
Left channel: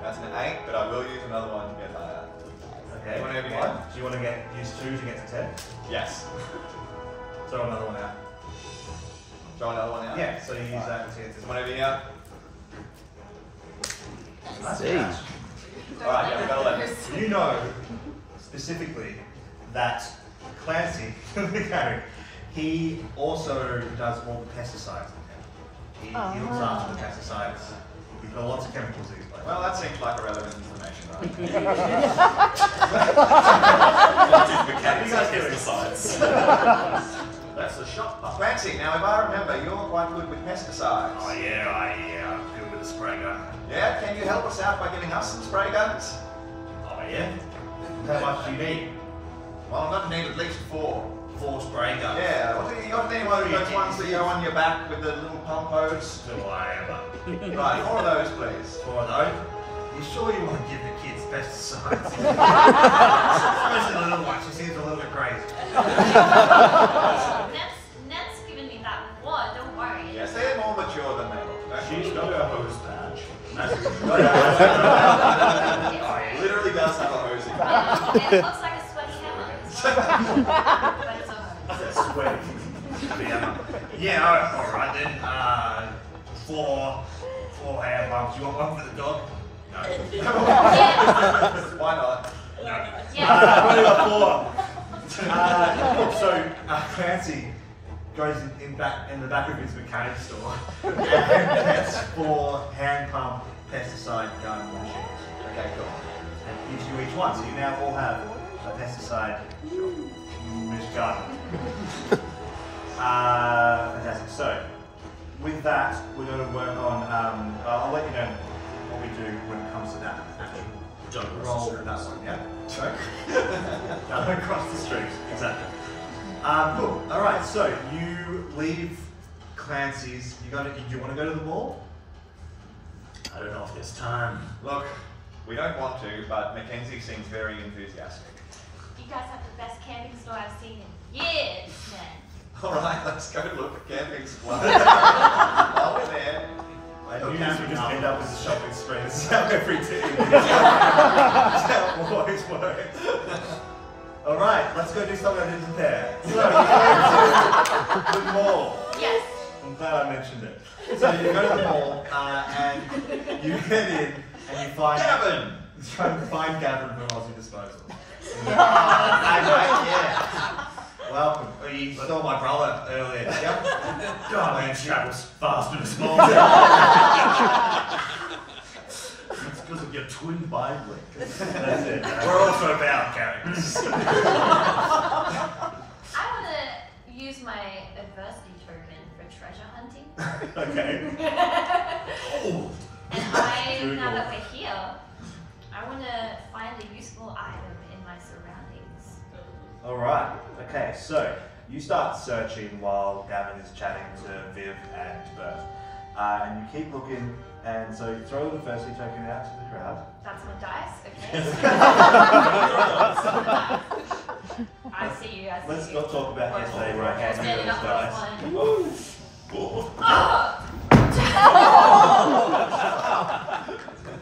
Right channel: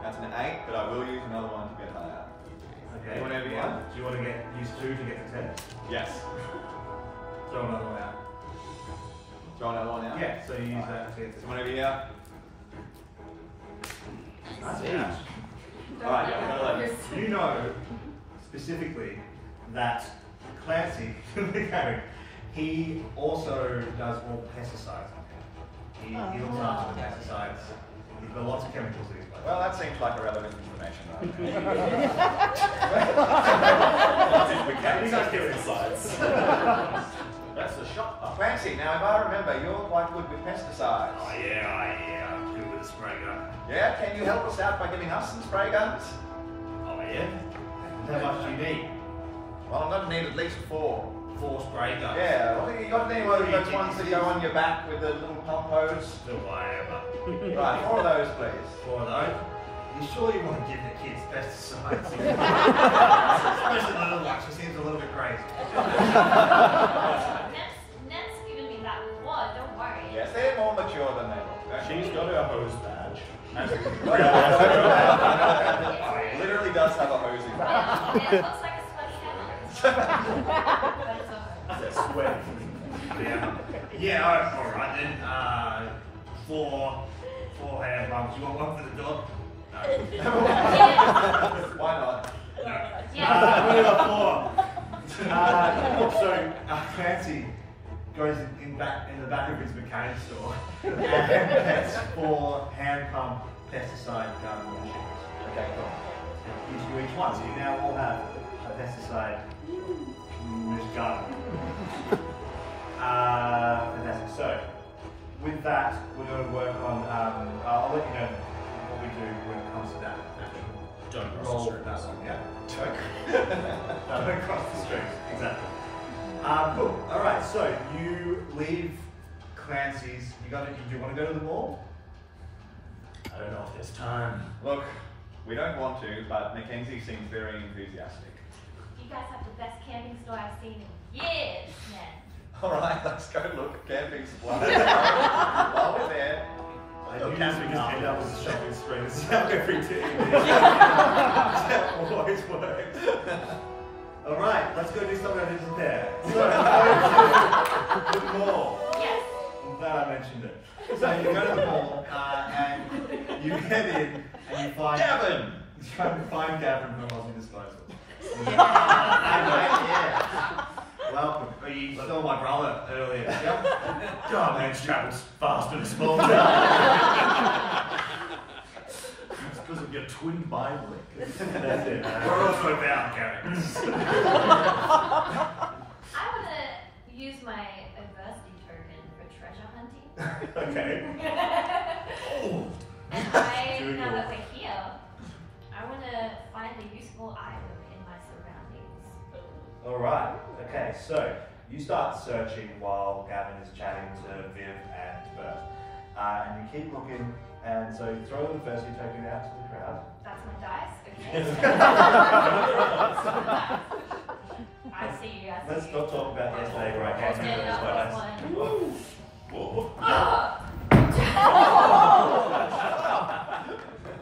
That's an 8, but I will use another one to get higher. Okay. Anyone over here? Do you want to use 2 to get to 10? Yes. Throw another one out. Throw another one out? Yeah, so you use that to get to 10. Someone over here? That's Alright, yeah, we got 11. You know specifically that Clancy, the mechanic, he also does all the pesticides. He looks after the pesticides. We've got lots of chemicals in his place. Well, that seems like irrelevant information, right? That's the shot. Clancy, now if I remember, you're quite good with pesticides. Oh yeah, I'm good with the spray gun. Yeah, can you help us out by giving us some spray guns? Oh yeah? How much do you need? Well, I'm going to need at least 4. 4 spray guns. Yeah, what do you got any of those ones that go on your back with the little pump hose? Do I ever? Right, 4 of those, please. 4 of those? You sure you want to give the kids pesticides? Especially the little one, she seems a little bit crazy. Ned's given me that before, don't worry. Yes, they're more mature than they look. She's got her hose badge. Literally does have a hose in It looks like a sweaty hammer. But it's a hose. Sweaty. Yeah, alright then. 4 hand pumps. You want one for the dog? No. Why not? No. Yeah. I've only got 4. So Clancy goes in the back of his mechanic store and gets 4 hand pump pesticide gun machines. Okay, cool. And gives you each one, so you now all have a pesticide gun. Fantastic. So with that, we're going to work on. I'll let you know what we do when it comes to that. Don't Roll that one, yeah. Choke. No, don't cross the street. Exactly. Cool. All right. So you leave Clancy's. Do you want to go to the mall? I don't know if there's time. Look, we don't want to, but Mackenzie seems very enthusiastic. You guys have the best camping store I've seen in years, man. Alright, let's go look at camping supplies. While we're there, I do just end up with a shopping spree. This is how every team. That's how it always works. All right, let's go do something I didn't prepare. So you go to the mall. Yes. I'm glad I mentioned it. So you go to the mall and you get in and you find Gavin. You're trying to find Gavin from Aussie Disposal. yeah. Welcome. Oh, you saw my brother earlier. Yep. God, man, travels fast in a small town. It's because of your twin Bible. That's it. We're also about characters. I want to use my adversity token for treasure hunting. Okay. And now that we're here, I want want to find a useful item in my surroundings. Alright, okay, so you start searching while Gavin is chatting to Viv and Bert. And you keep looking, and so you throw the first token out to the crowd. That's my dice, okay. I see you, Let's not talk about yesterday where I gave you Standing those up dice. one.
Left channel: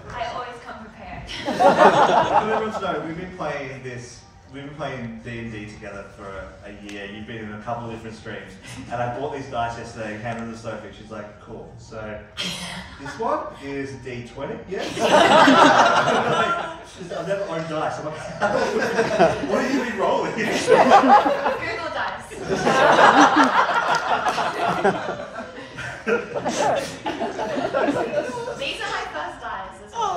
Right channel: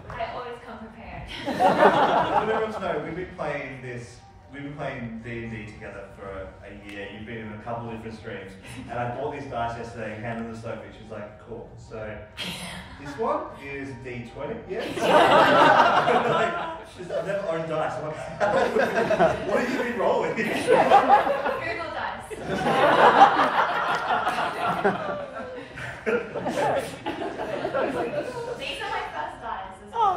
I always come prepared. I want everyone to know, we've been playing D&D together for a year. You've been in a couple of different streams. And I bought these dice yesterday and handed them to Sophie. She's like, cool. So this one is a D20, yeah? I've never owned dice. I'm like, what have you been rolling? Google dice. These are my first dice as well.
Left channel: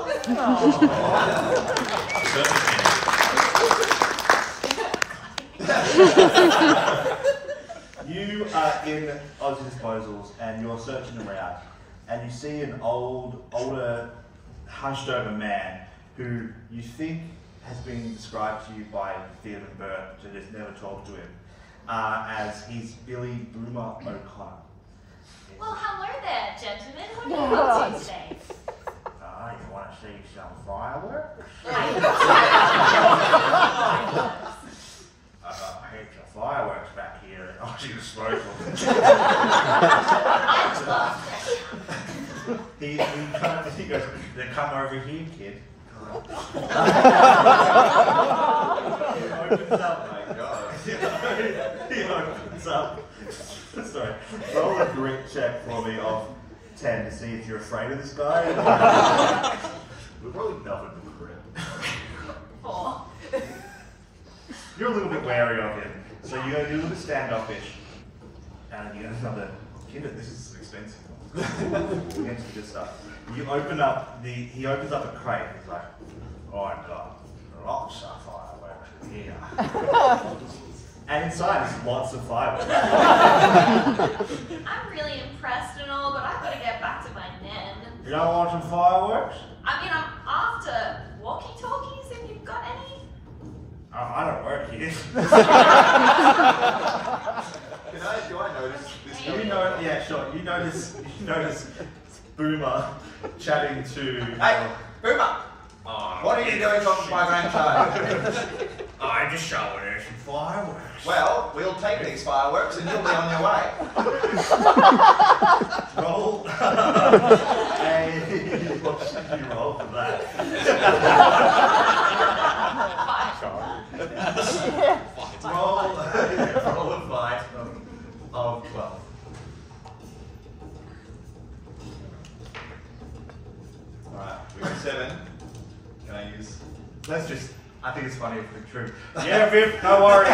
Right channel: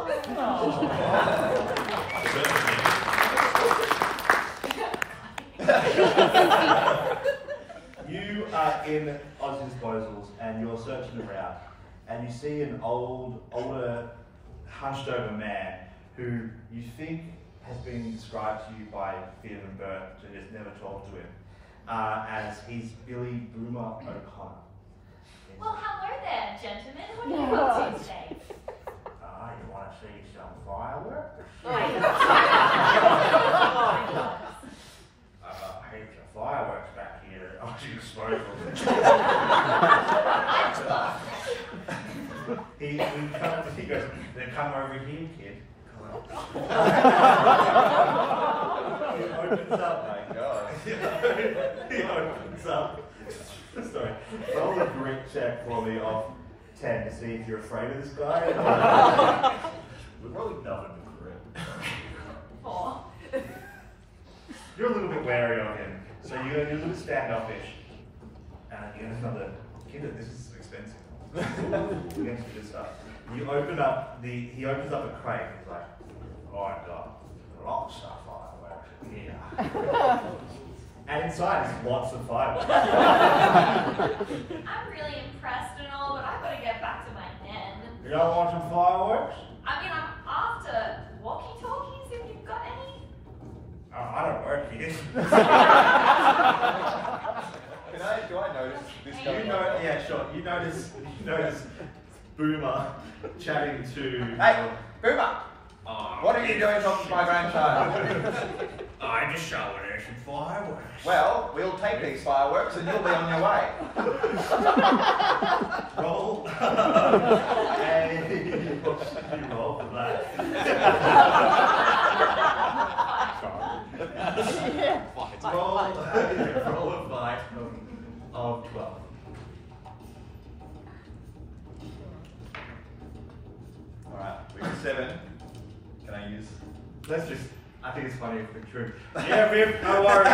You are in Aussie Disposals and you're searching around and you see an older, hunched over man who you think has been described to you by Viv and Bert, but has never talked to him, as he's Billy Boomer O'Connor. Well, hello there, gentlemen. What are you up to today? You want to see some fireworks? I I've got heaps of fireworks back here at Aussie Disposals. He goes, then come over here, kid. He opens up. Oh my god. He opens up. Sorry. Roll a grit check for me of 10 to see if you're afraid of this guy. We're probably nothing but grit. 4. You're a little bit wary of him, so you're a little bit standoffish. And you know, another kid, this is expensive. We're into this stuff. You open up he opens up a crate. He's like, oh, I've got lots of fireworks in here. And inside is lots of fireworks. I'm really impressed and all, but I've got to get back to my den. You don't want some fireworks? I mean, I'm after walkie-talkies if you've got any. I don't work here. Do I notice this? Yeah, sure. You notice Boomer chatting to. Hey, Boomer! What are you doing talking to my grandchild? I'm just showing her some fireworks. Well, we'll take these fireworks and you'll be on your way. Roll. And you roll for that. roll a 5 of 12. Alright, we got 7. Can I use? Let's just. I think it's funny if it's true. Yeah, Viv, no worries.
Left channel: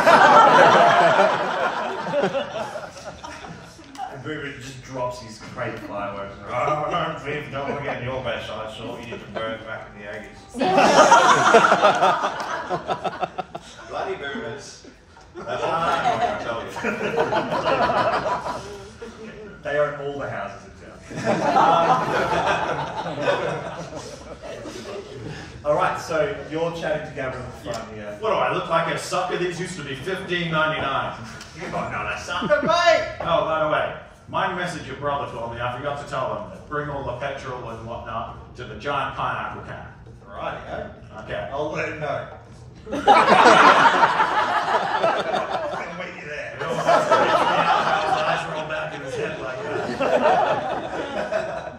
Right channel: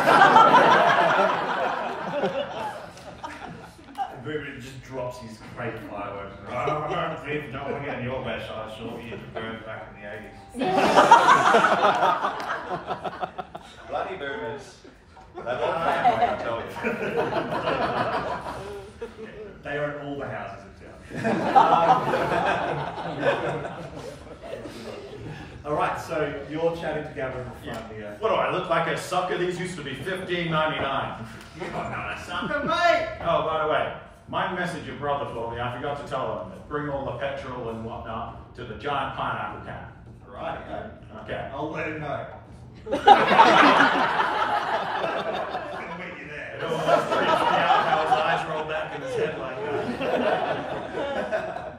And Boomer just drops his crate of fireworks. Oh, no, Viv, don't want to get in your best side, sure. You can burn back in the 80s. Bloody boomers. That's what I'm going to tell you. They own all the houses in town. Alright, so you're chatting to Gavin at the front here. What do I look like, a sucker? These used to be $15.99. You're not a sucker, mate! Oh, by the way, my message your brother for me, I forgot to tell him that bring all the petrol and whatnot to the giant pineapple can. Right, yeah. Okay. I'll let him know. I'll meet you there. His eyes roll back in his head like that.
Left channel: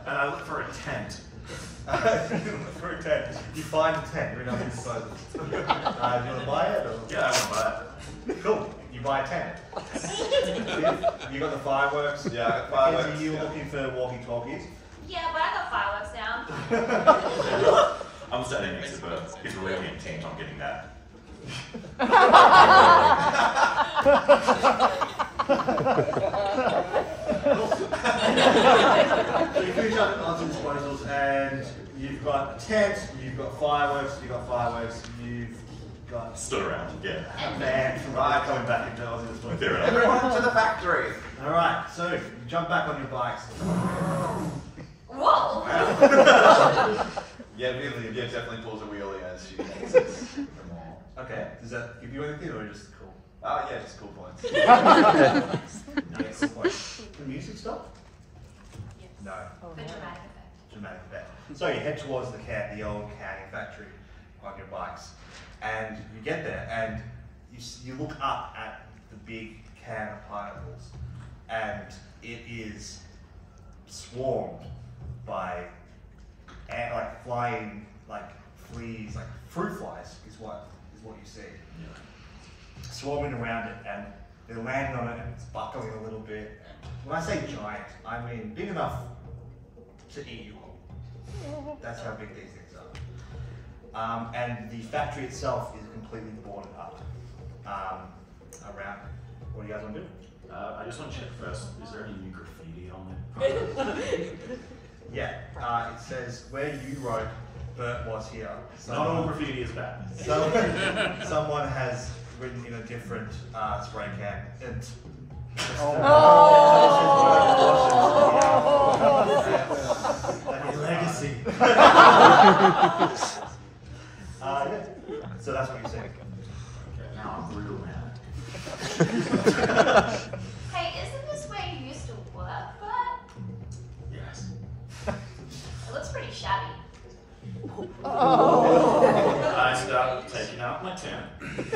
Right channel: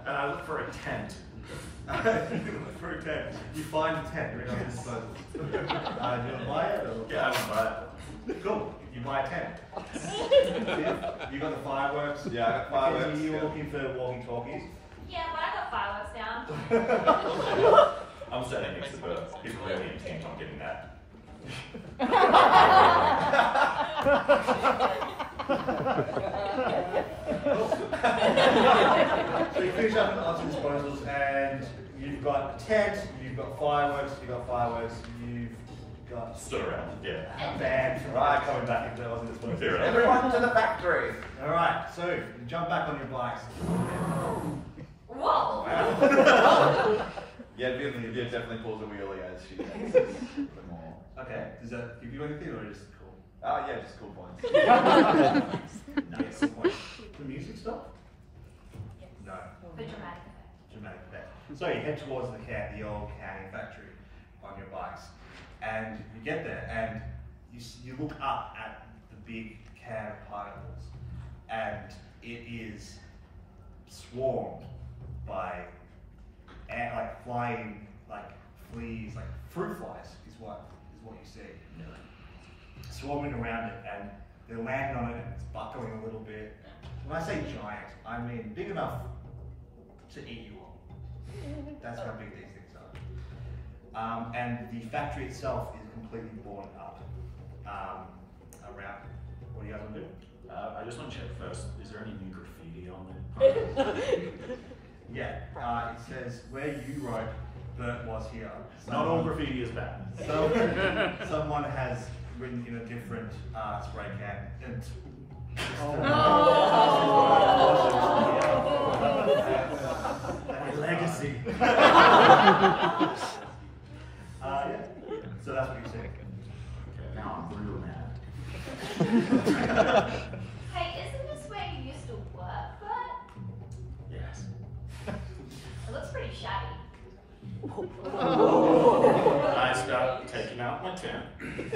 And I look for a tent. You look for a tent. You find a tent. You're going to disposal. Do you want to buy it? Or? Yeah, I want to buy it. Cool. You buy a tent. You got the fireworks. Yeah, I got fireworks. Are you looking for walkie-talkies? Yeah, but I got fireworks now. I'm standing next to Bert. He's really intent on getting that. So you finish up on disposals and you've got a tent, you've got fireworks, you've got Stood around, yeah. a van right coming back into Aussie disposals. Fair enough. Everyone to the factory. Alright, so you jump back on your bikes. Whoa! Yeah, Viv definitely pulls a wheelie as she exits the mall. Okay, does that give you anything or just cool? Oh yeah, just cool points. Yeah, cool point. The music stop? No. For dramatic effect. Dramatic effect. So you head towards the old canning factory on your bikes, and you get there, and you look up at the big can of particles, and it is swarmed by like flying fleas, like fruit flies is what you see. Swarming around it, and they're landing on it, and it's buckling a little bit. And when I say giant, I mean big enough to eat you all. That's how big these things are. And the factory itself is completely boarded up around it. What do you guys want to do? I just want to check first, is there any new graffiti on it? Yeah, it says where you wrote Bert was here. Not all graffiti is bad. Someone has written in a different spray can. And Legacy. Yeah. So that's what you say. Okay, now I'm real mad. Hey, isn't this where you used to work, Bert? Yes. It looks pretty shabby. I start taking out my tent.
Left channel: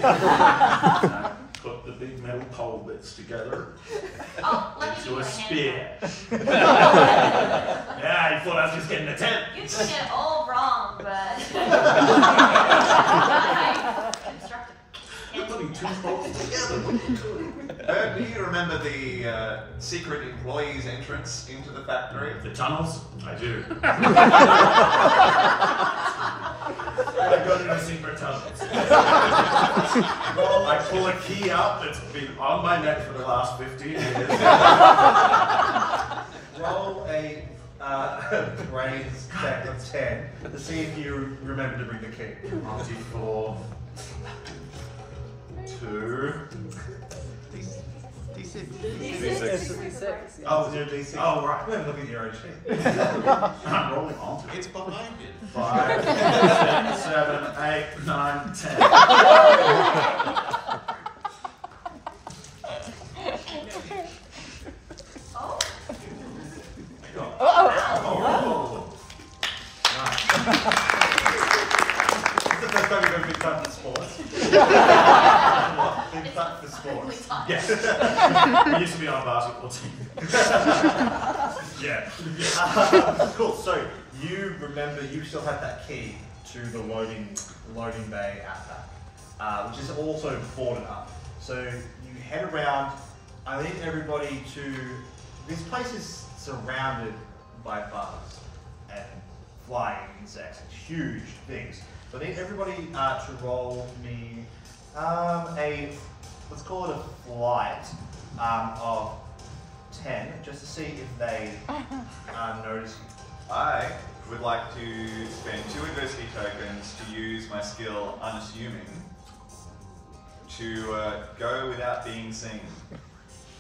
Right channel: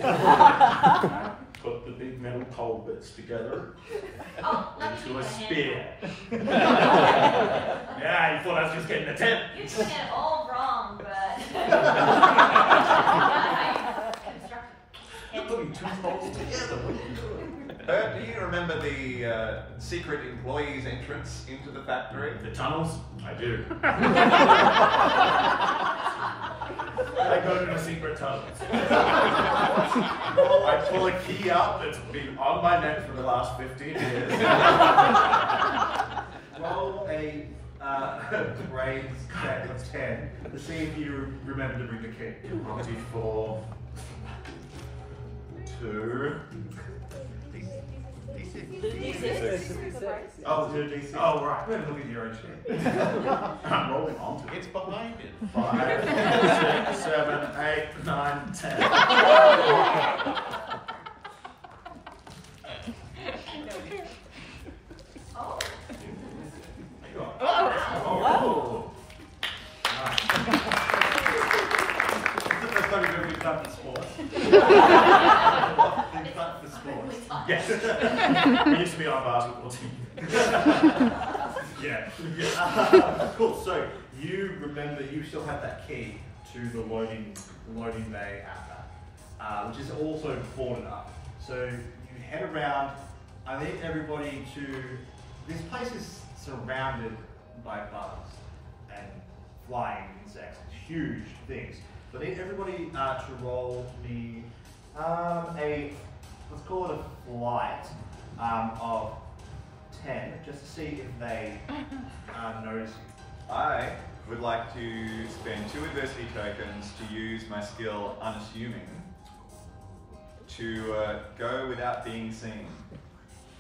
I put the big metal pole bits together Oh, let me into give you a a spear. hand. Yeah, you thought I was just getting a tent. You're doing it all wrong, but You're putting two poles together. Do you remember the secret employees' entrance into the factory? The tunnels? I do. I go to the secret tunnels. I pull a key out that's been on my neck for the last 15 years. Roll a brains check of 10 to see if you remember to bring the key. 24. 2. D6. Oh, it's your D6. Oh, right. You haven't looked at your own sheet. I'm rolling onto it. It's behind it. 5, 6, 7, 8, 9, 10. Oh, Oh. Nice. This is the first time you've ever been cut for sports. What? Been cut for perfectly sports. timed. Yes. I used to be on a basketball team. Yeah. Cool. So you remember you still have that key to the loading bay out back, which is also boarded up. So you head around. I need everybody to. This place is surrounded by bugs and flying insects and huge things. So I need everybody to roll me let's call it a flight of 10, just to see if they notice you. I would like to spend 2 adversity tokens to use my skill Unassuming to go without being seen.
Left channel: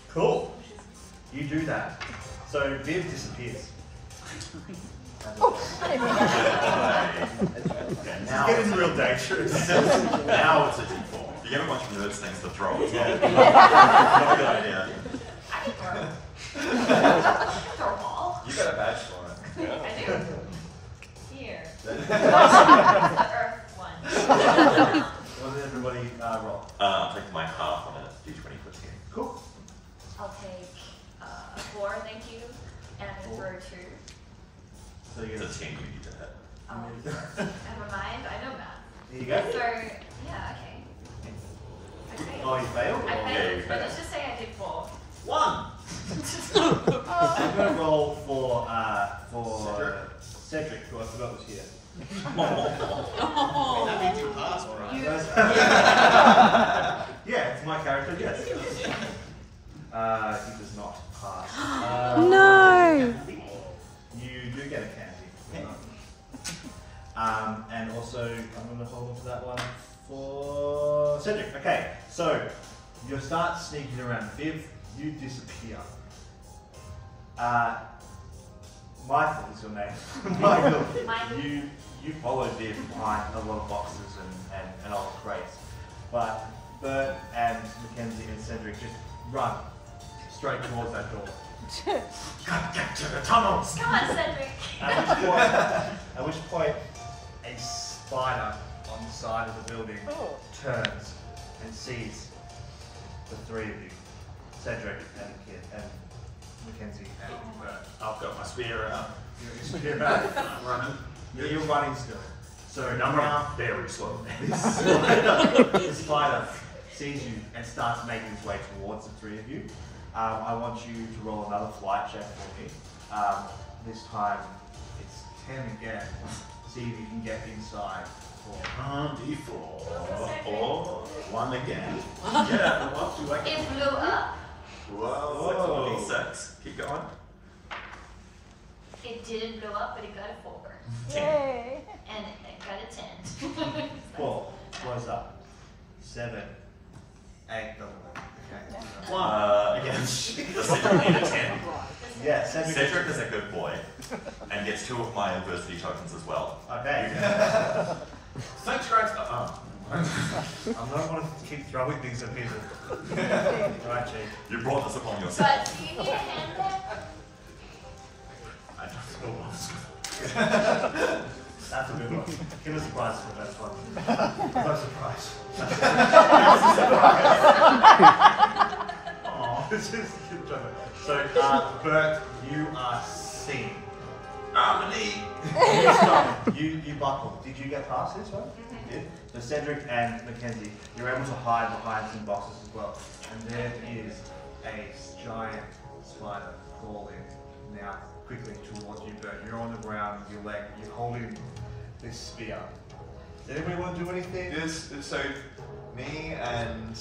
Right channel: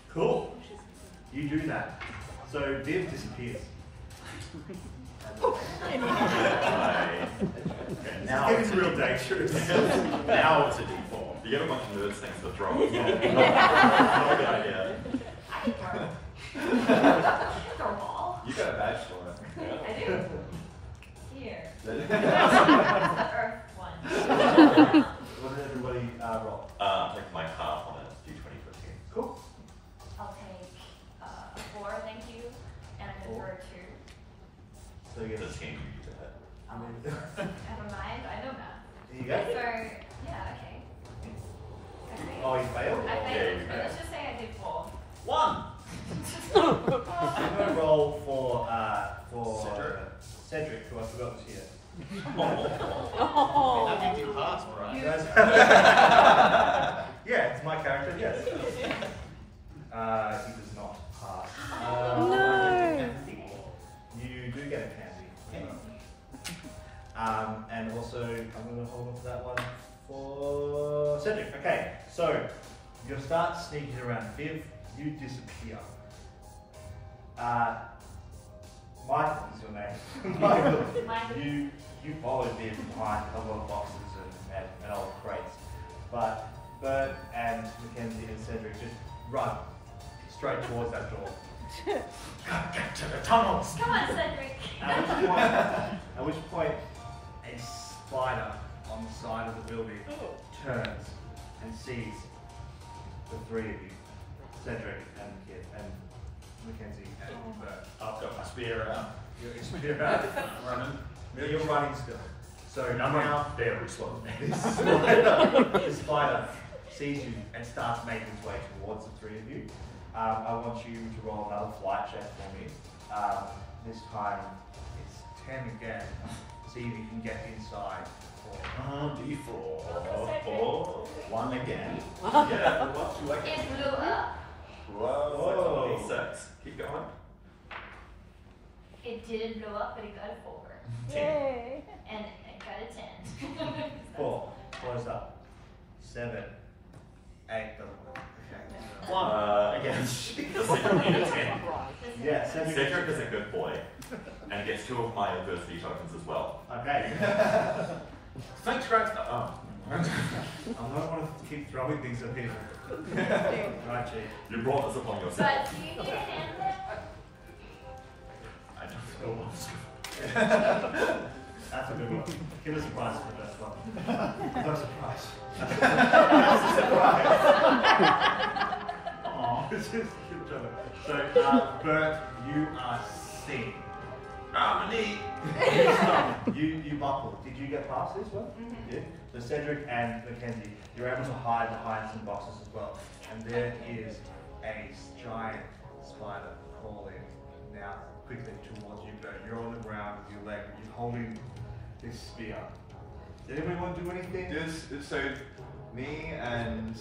Cool. You do that. So Viv disappears. Now it's real dangerous. Now it's a D4. You get a bunch of nerds things to throw. It's not a good idea. I can throw. Throw a ball. You got a badge for it. I do. Here. Yeah. The earth one. What did everybody roll? I'm taking my half on a D20 for 10. Cool. I'll take 4, thank you, and throw 2. So you get It's a 10 you need to hit. Oh, never mind. I know math. There you go. So yeah, okay. Oh, you failed? I Or- Yeah, failed, you but failed. let's just say I did 4. 1. I'm going to roll for Cedric, who I forgot was here. That means you passed, right? Yeah, it's my character, yes. He does not pass. No. You do get a candy. And also, I'm going to hold on to that one for Cedric. Okay, so you start sneaking around. Viv, you disappear. Michael is your name. Michael, Mike. you you followed me from behind a lot of boxes and old crates. But Bert and Mackenzie and Cedric just run straight towards that door. Gotta get to the tunnels. Come on, Cedric. At which point a spider on the side of the building turns and sees the three of you, Cedric and Mackenzie and Bert. I've got my spear out. You're running. I'm running. You're running still. So And I'm now very slow. this spider sees you and starts making its way towards the three of you. I want you to roll another flight check for me. This time it's 10 again. See if you can get inside. D4. 4. 1 again. Yeah, we're up to like. It blew up. Whoa. D6. Keep going. It didn't blow up, but it got a 4. 10. And it got a 10. 4. Close up. 7. 8. Double. Okay. 1. Again. Does Cedric need a 10? Yeah, Cedric. Cedric is a good boy and gets 2 of my adversity tokens as well. Okay. Thanks, Greg. I'm not wanting to keep throwing things at people. Right, Chief. You brought this upon yourself. But do you need a hand then? I don't know. That's a good one. Give us a prize for the best one. No surprise. Aww. This is so, Bert, you are seen. You buckle. Did you get past this one? You did. So Cedric and Mackenzie, you're able to hide behind some boxes as well. And there is a giant spider crawling now quickly towards you, Bert. You're on the ground with your leg. You're holding this spear. Does anybody want to do anything? So, me and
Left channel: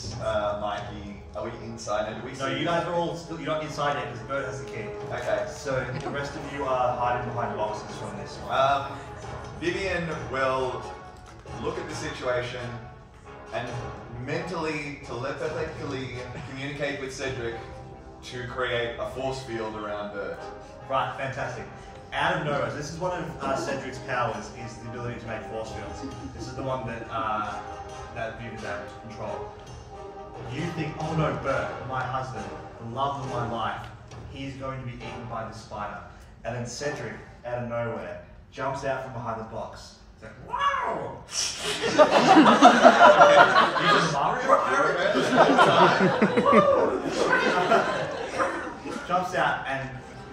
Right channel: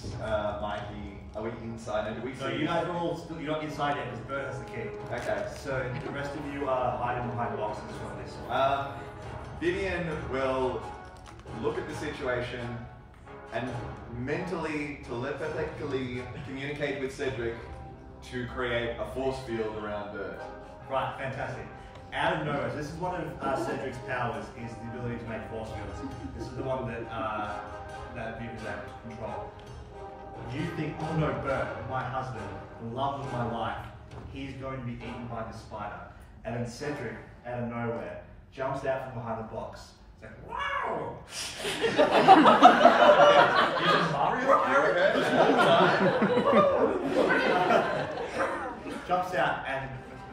Mikey, are we inside? And do we see? No, you guys are all still. You're not inside yet because Bert has the key. Okay. So the rest of you are hiding behind boxes from this one. Vivian will look at the situation and mentally, telepathically communicate with Cedric to create a force field around Bert. Right, fantastic. Out of nowhere, this is one of Cedric's powers, is the ability to make force fields. This is the one that Vivian is able to control. You think, oh no, Bert, my husband, the love of my life, he's going to be eaten by the spider. And then Cedric, out of nowhere, jumps out from behind the box. It's like, wow! Jumps out and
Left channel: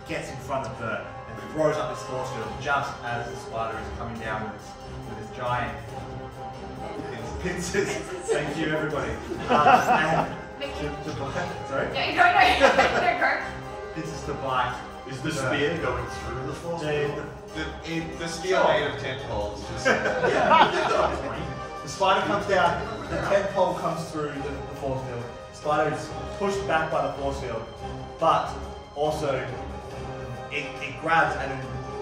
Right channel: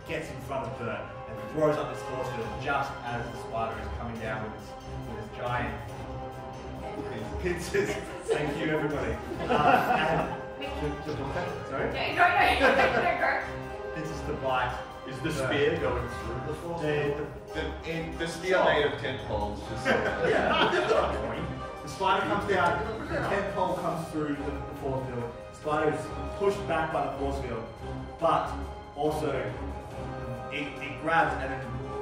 gets in front of Bert and throws up this force field just as the spider is coming down with its giant pincers. Thank you, everybody. Sorry? Go. Pincers to bite. Is the spear going through the force? The spear made of tentacles. Just so that. Yeah. The spider comes down, the tent pole comes through the force field. The spider is pushed back by the force field, but also it grabs and then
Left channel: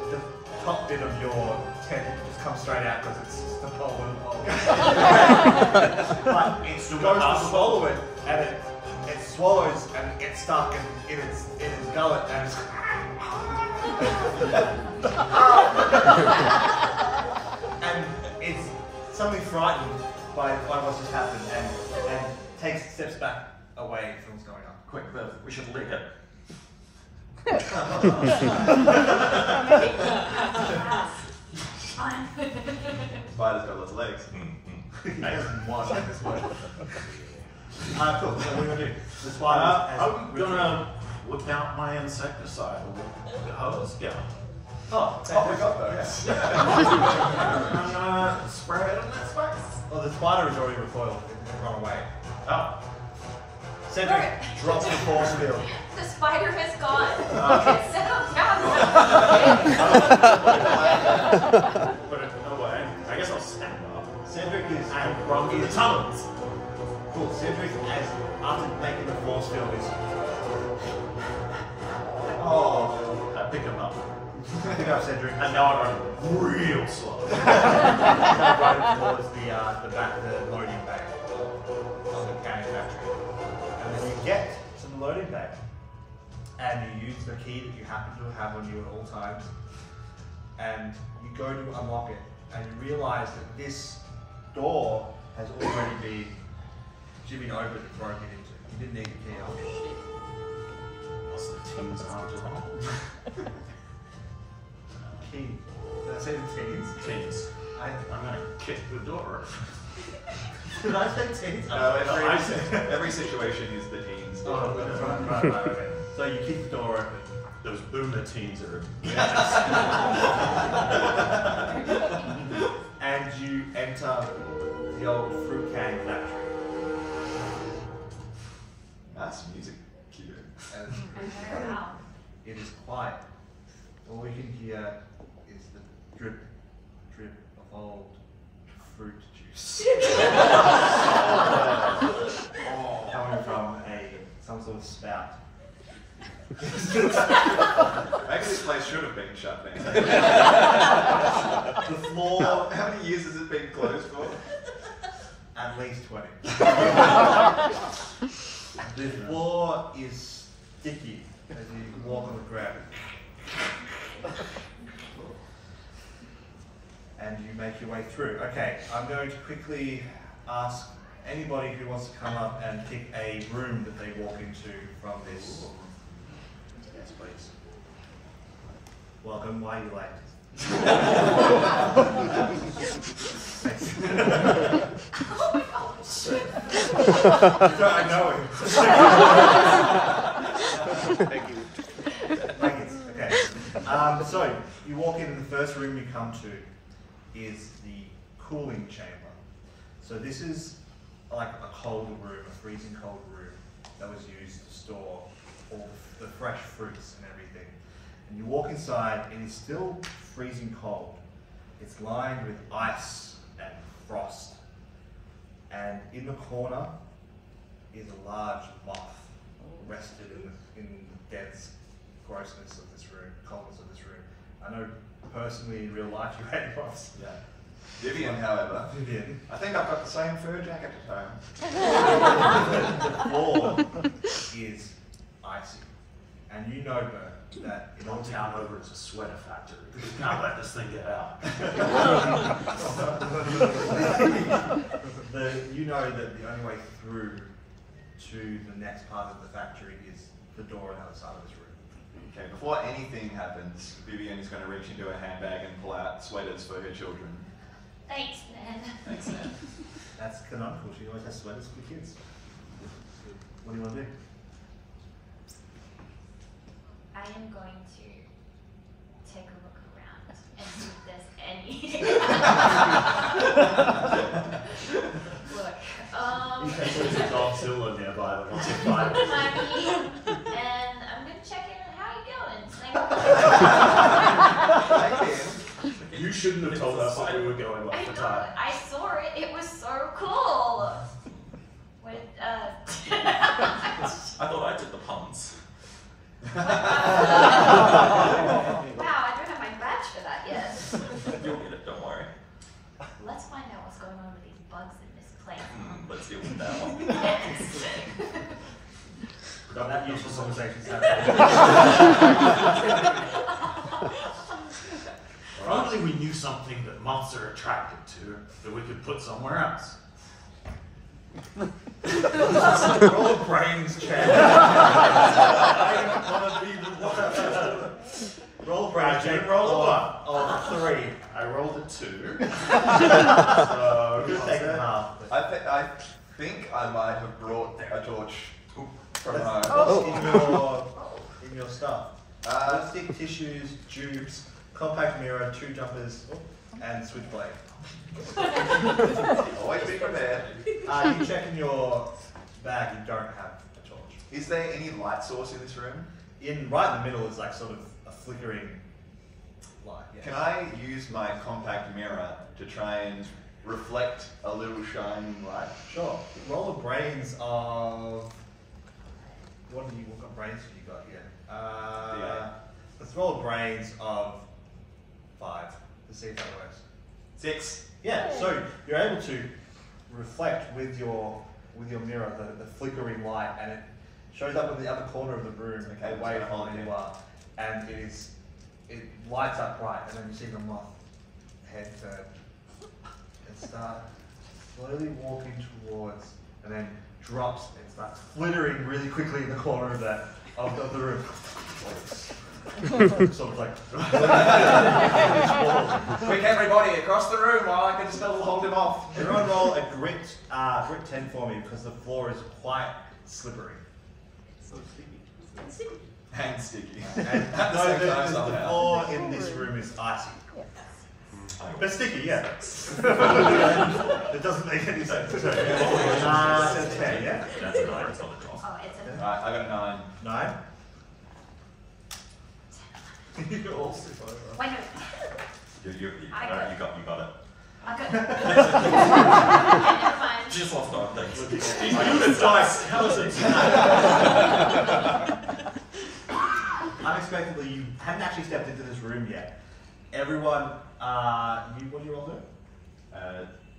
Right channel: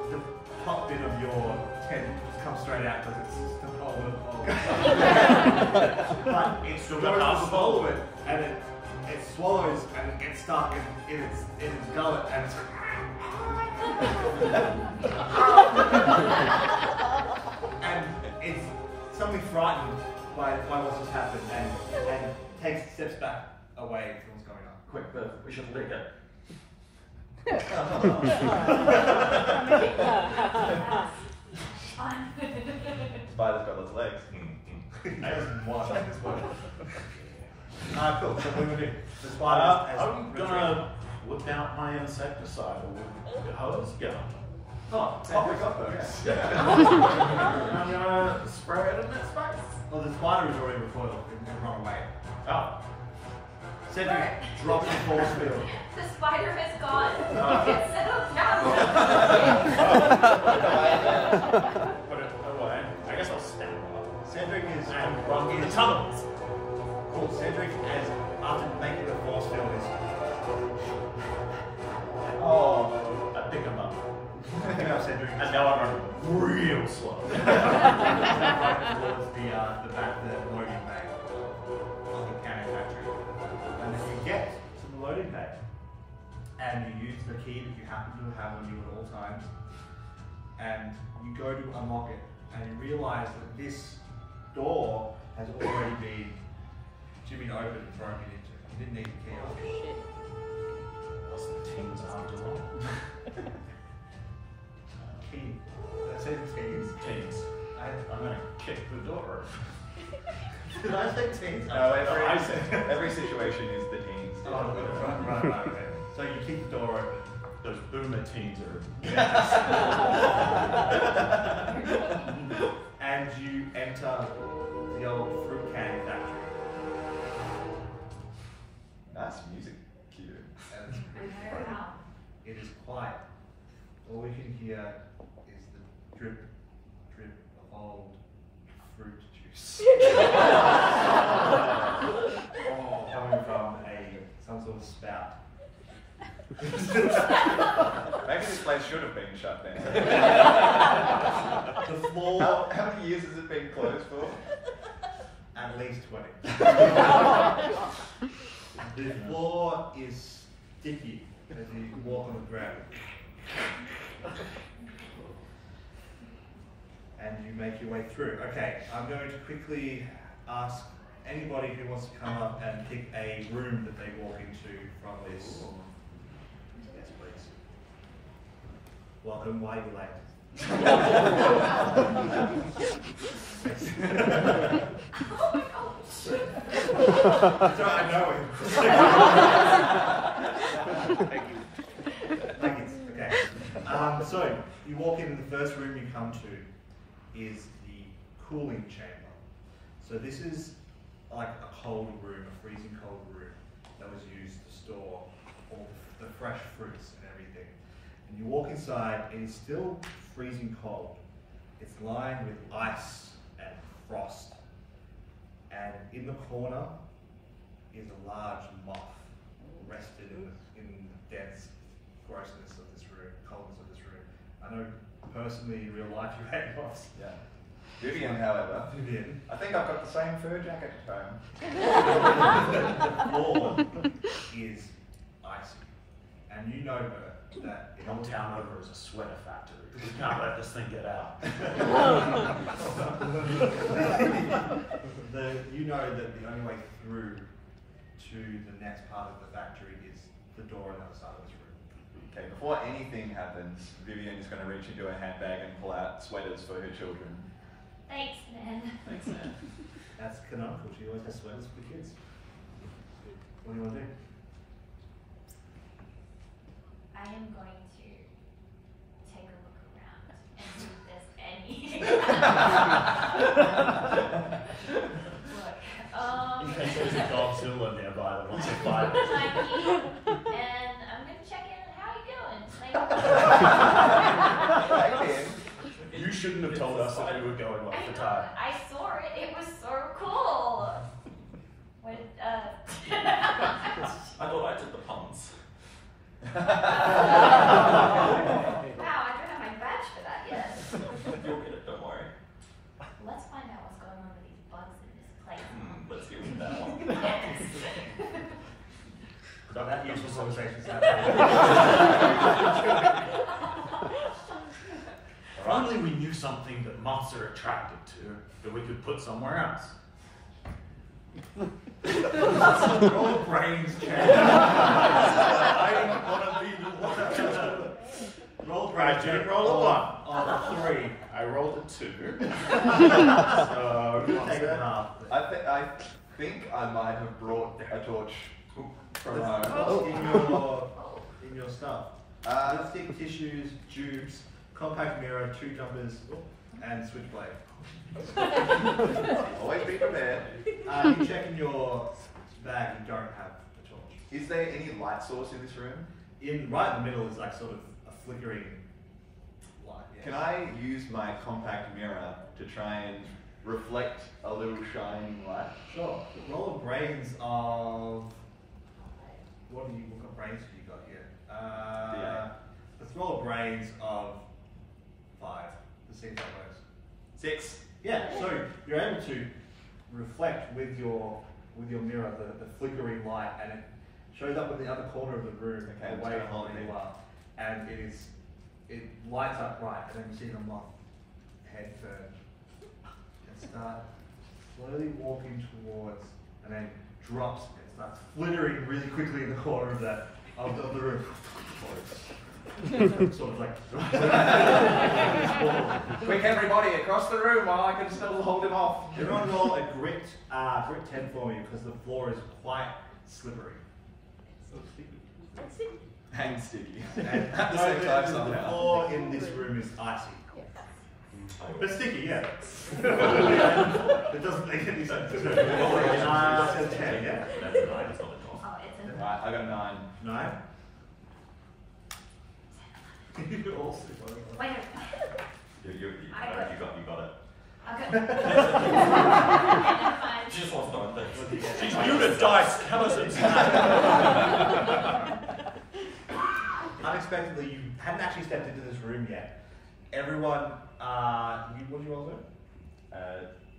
the top bit of your tent just comes straight out because it's just the pole and the pole. But it still goes to swallow it, and it swallows and it gets stuck in its gullet and it's and it's suddenly frightened by what's just happened and takes steps back away from what's going on. Quick, we should lead it. Spider's got lots of legs. He doesn't want at this point. Cool. So what are we gonna do? The spider has I'm gonna whip out my insecticide with the hose gun. Oh, we got those. I'm gonna spray it in its face. Well, the spider is already recoiled and run away. Oh. Cedric drops the force field. The spider is gone. Okay. It's settled down. Put it away. I guess I'll stand up. Cedric is And run through the tunnels. Cool. Cedric, as after making the force field, is I pick him up. pick up Cedric And now I run real slow. right towards the back of the loading bay of the canning factory. And then you get to the loading bay, and you use the key that you happen to have on you at all times, and you go to unlock it, and you realise that this door has already been jimmied open and broken into. You didn't need the key after all. What's the team's after all? Key. Did I say the teens? Teams. I'm gonna kick the door. Did I say teens? No, every situation is the teens. Oh, right, okay. So you keep the door open. Those boomer teens are. And you enter the old fruit canning factory. Nice music cue. And it is quiet. All you can hear is the drip, drip of old fruit juice. Coming from some sort of spout. Maybe this place should have been shut down. The floor, How many years has it been closed for? at least 20. The floor is sticky as you walk on the ground. And you make your way through. Okay, I'm going to quickly ask anybody who wants to come up and pick a room that they walk into from this. Yes, please. Welcome, why are you late? So I know him. Thank you. Okay. So you walk in and the first room you come to is the cooling chamber. So this is like a cold room, a freezing cold room that was used to store all the fresh fruits and everything. And you walk inside and it's still freezing cold. It's lined with ice and frost. And in the corner is a large moth rested in the dense grossness of this room, coldness of this room. I know personally in real life you hate moths. Yeah. Vivian, however, Vivian. I think I've got the same fur jacket at home. The floor is icy. And you know, Bert, that in Your town over is a sweater factory. You can't let this thing get out. you know that the only way through to the next part of the factory is the door on the other side of this room. Okay, before anything happens, Vivian is going to reach into her handbag and pull out sweaters for her children. Thanks, man. Thanks, man. That's canonical. She always has sweaters for the kids. What do you want to do? I am going to take a look around and see if there's any. Look, There's a Godzilla nearby that wants to fight. and I'm going to check in on how you doing. You shouldn't have told us that we were going off the tide. I saw it. It was so cool. What? I thought I did the puns. Wow, I don't have my badge for that yet. You'll get it, don't worry. Let's find out what's going on with these bugs in this place. Let's deal with that one. Yes. Got that useful conversations happening. If only we knew something that moths are attracted to that we could put somewhere else. Roll a brains check. I don't want to be the one. Roll a brains check. Roll a Of 3. I rolled a 2. So You're taking half. I think I might have brought a torch from home. In your stuff. Lipstick, tissues, tubes, compact mirror, 2 jumpers, and switchblade. Always be prepared. You check in your bag, you don't have a torch. Is there any light source in this room? Right in the middle is like sort of a flickering light. Yeah. Can I use my compact mirror to try and reflect a little shining light? Sure. Roll a brains of... What kind of brains have you got here? D8. Let's roll a brains of 5 to see if that works. 6. Yeah, so you're able to reflect with your mirror the flickering light, and it shows up in the other corner of the room, Okay, away so from hold where it. you are, and it lights up bright, and then you see the moth head turn start slowly walking towards, and then drops and starts flittering really quickly in the corner of the room. Sort of like Quick, everybody, across the room while I can still hold him off. Everyone roll a grit 10 for me because the floor is quite slippery. And sticky. And At the same time the somehow. floor in this room is icy. But sticky, yeah. It doesn't make any sense. It's a 10, yeah? That's a 9, it's not a 12. Oh, it's a Right, I got a 9. 9? You're all super. wait. No. You got it. I got. Okay, never mind. Just lost 9 things. Unexpectedly, you haven't actually stepped into this room yet. Everyone, what did you all do?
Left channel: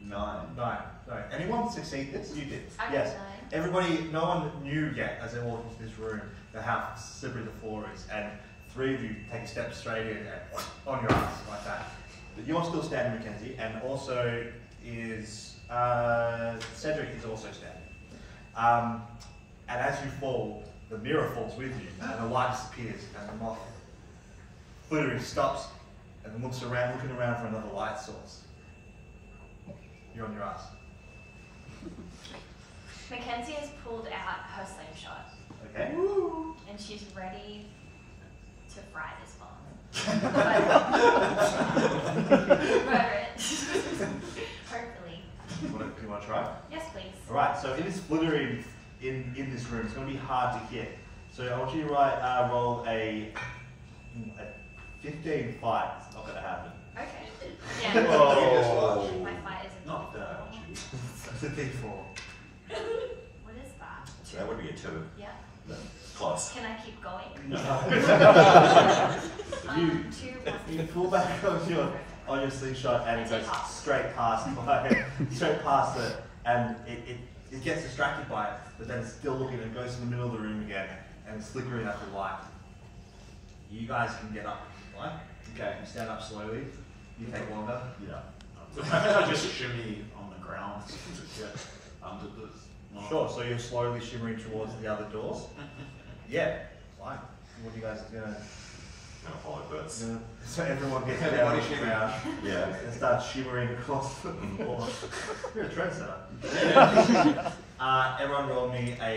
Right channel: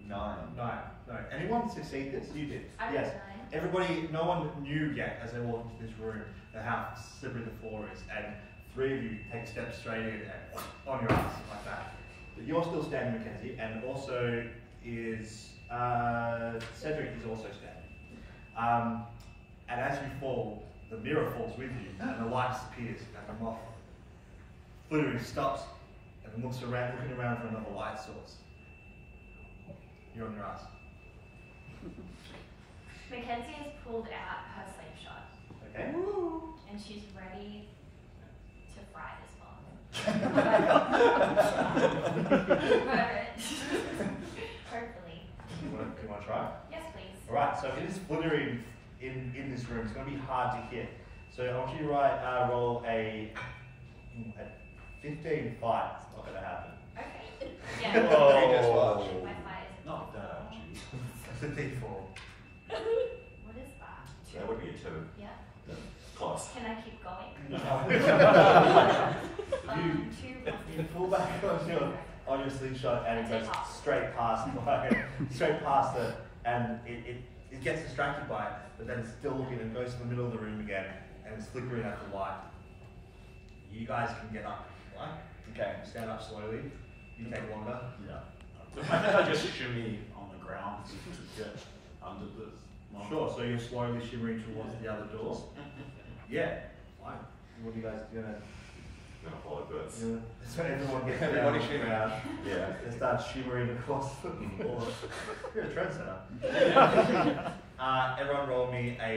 9. 9. No. Anyone succeed this? You did. I got Yes. 9. Everybody, no one knew yet as they walked into this room that how slippery the floor is, and 3 of you take a step straight in and on your ass like that. But you're still standing, Mackenzie, and also is Cedric is also standing. And as you fall, the mirror falls with you, and the light disappears, and the moth flittering stops, and then looking around for another light source. You're on your ass. Mackenzie has pulled out her slingshot, Okay. and she's ready to fry this bomb. Hopefully. You want to try? Yes, please. Alright, so it is flittering in this room. It's going to be hard to hit. So I want you to roll a 15 fight. It's not going to happen. Okay. Yeah. Oh. My fight isn't Not that. It's a D4. What is that? That would be a 2. Yeah. Close. Can I keep going? You pull back on your slingshot and it goes straight past it, and it gets distracted by it, but then it's still looking and goes to the middle of the room again and it's flickering at the light. You guys can get up, right? Okay, you stand up slowly. You take longer. Yeah. I just shimmy on the ground to get under the. Sure. So you're slowly shimmering towards the other doors. Yeah. Fine. What are you guys doing? I'm gonna follow birds. So everyone gets Everybody down shimmering. around Yeah. and starts shimmering across the floor. You're a trendsetter. Everyone roll me a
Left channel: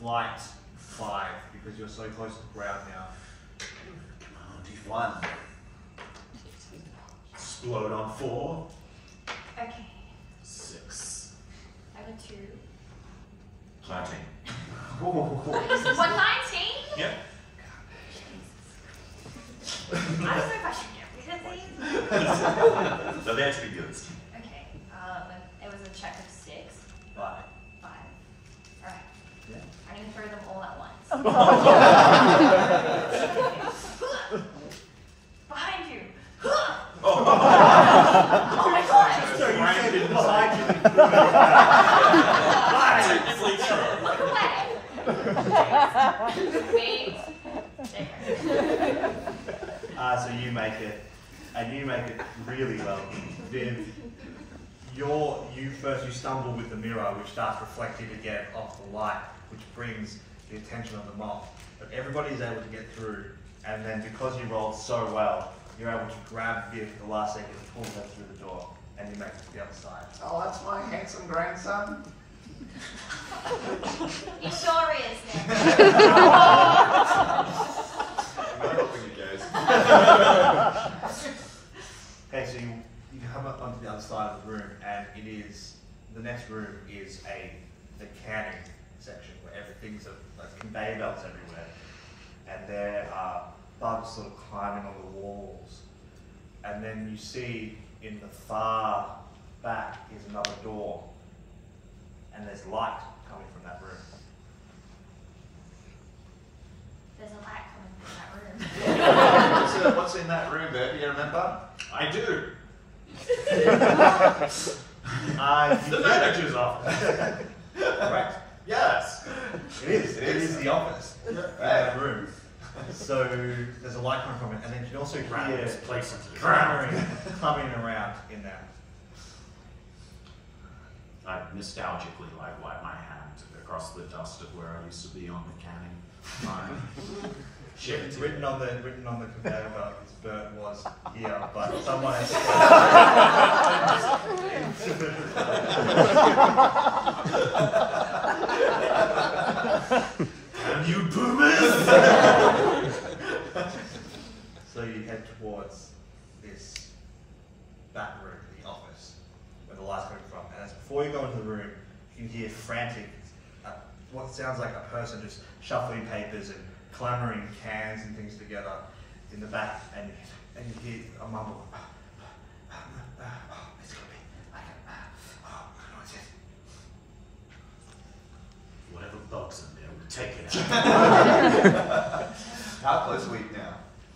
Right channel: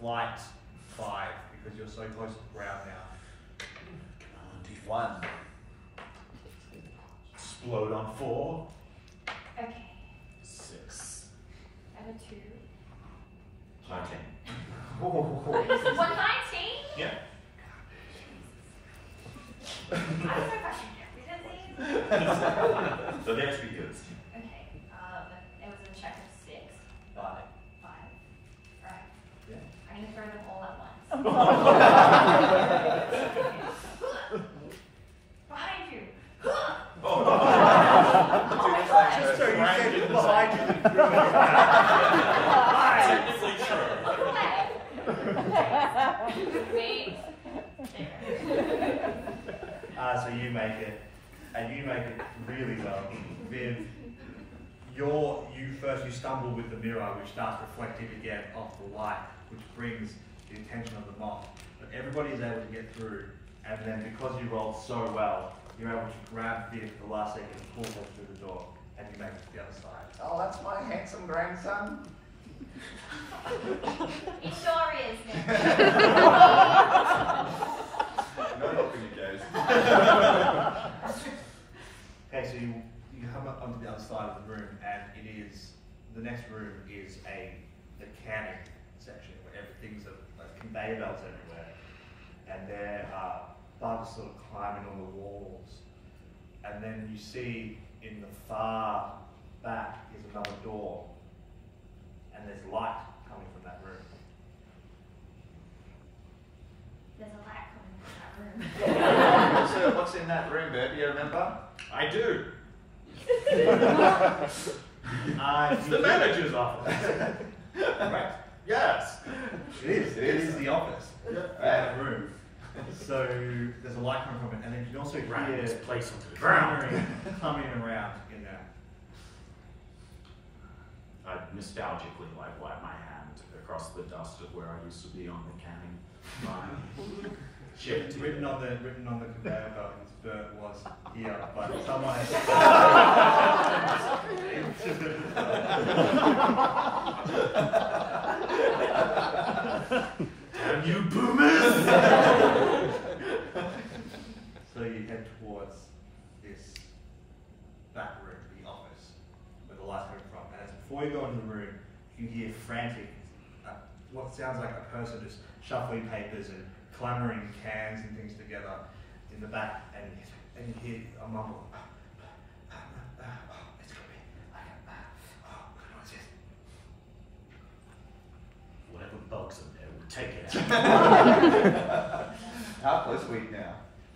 flight 5 because you're so close to the ground now. Come on, D1. Explode on 4. Okay. 6. I have a 2. 19. Oh. 119? Yeah. I don't know if I should get rid of these. They're there to be used. Okay. It was a check of 6. 5. 5. Alright. Yeah. I'm gonna throw them all at once. Behind you. Oh my god. Just so you said it behind you. Technically true. Look away. Wait. So you make it, and you make it really well. Viv, you stumble with the mirror, which starts reflecting again off the light, which brings the attention of the moth. But everybody is able to get through, and then because you rolled so well, you're able to grab Viv at the last second, pull her through the door, and you make it to the other side. Oh, that's my handsome grandson. He sure is. I'm helping you guys. Okay, so you come up onto the other side of the room, and the next room is the canning section where everything's like conveyor belts everywhere, and there are bugs sort of climbing on the walls, and then you see in the far back is another door, and there's light coming from that room. There's a light coming from that room. What's in that room, Bert? Do you remember? I do. The manager's office. Right. Yes. It is the office. Yeah. That room. So there's a light coming from it, and then you can also Ran hear this place into the ground. clamoring around in there. I nostalgically like wipe my hand across the dust of where I used to be on the canning line. Written on the conveyor belt, this bird was here, but someone has Damn you boomers! So you head towards this back room, the office, where the light's coming from. And as before you go into the room, you hear frantic, what sounds like a person just shuffling papers and clambering cans and things together in the back, and you hear a mumble. It's gonna be. I don't know what it is. Whatever bugs in there, we'll take it out. How close are we now?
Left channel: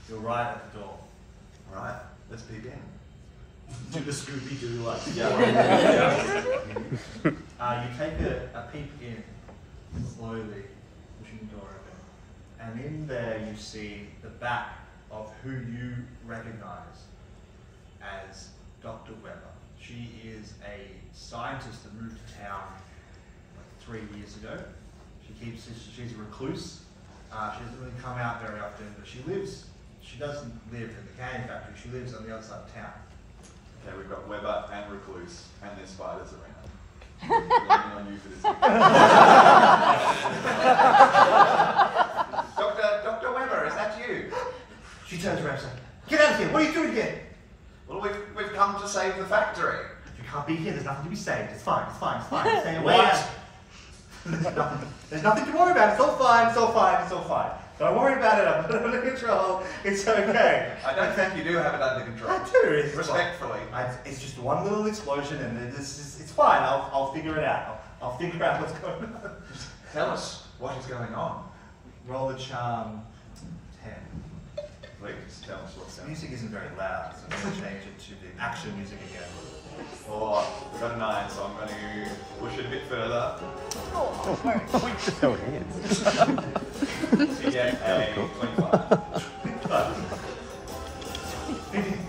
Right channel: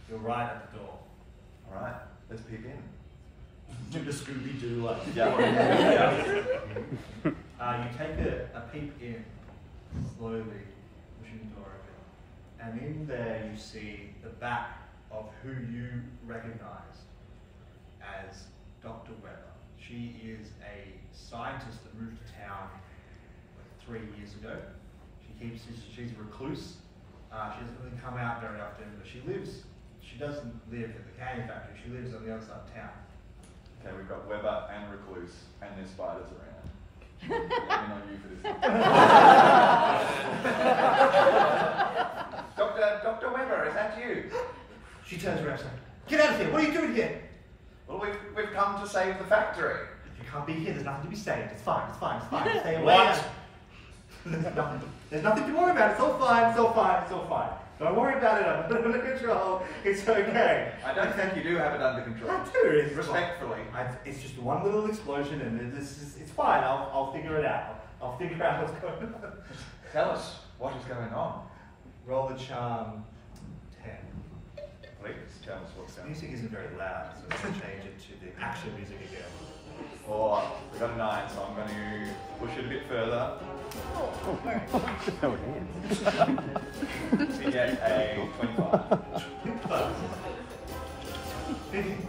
You're right at the door. Alright, let's peek in. Do the Scooby-Doo like. Yeah. You take a peep in, slowly pushing the door open, and in there you see the back of who you recognize as Dr. Weber. She is a scientist that moved to town like 3 years ago. She's a recluse. She doesn't really come out very often, but she doesn't live at the canning factory. She lives on the other side of town. Okay, we've got Weber and Recluse, and there's spiders around. Relying on you for this. Dr. Weber, is that you? She turns around and says, "Get out of here! What are you doing here? Well, we've come to save the factory. You can't be here. There's nothing to be saved. It's fine. It's fine. It's fine. Stay away." What? There's nothing to worry about. It's all fine. It's all fine. It's all fine. Don't worry about it. I'm under control. It's okay. I don't think you do have it under control. I do. It's Respectfully. It's just one little explosion, and it's fine. I'll figure it out. I'll figure out what's going on. Tell us what is going on. Roll the charm 10. Please tell us what's The going on. music isn't very loud, so I'm going to change it to the action music again. Oh, we've got a 9, so I'm going to push it a bit further. So it is. To get a 25. Vivian,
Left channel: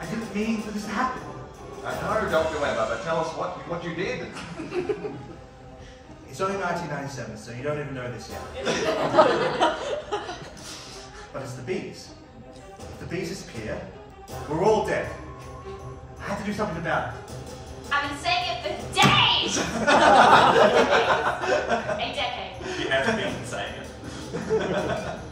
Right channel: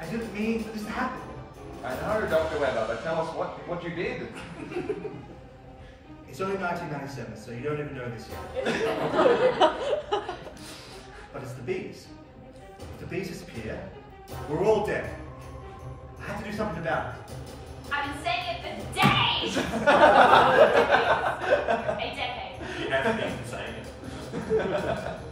I didn't mean for this to happen. I know, Dr. Weber, but tell us what you did. It's only 1997, so you don't even know this yet. But it's the bees. If the bees disappear, we're all dead. I had to do something about it. I've been saying it for days! A decade. You haven't been saying it.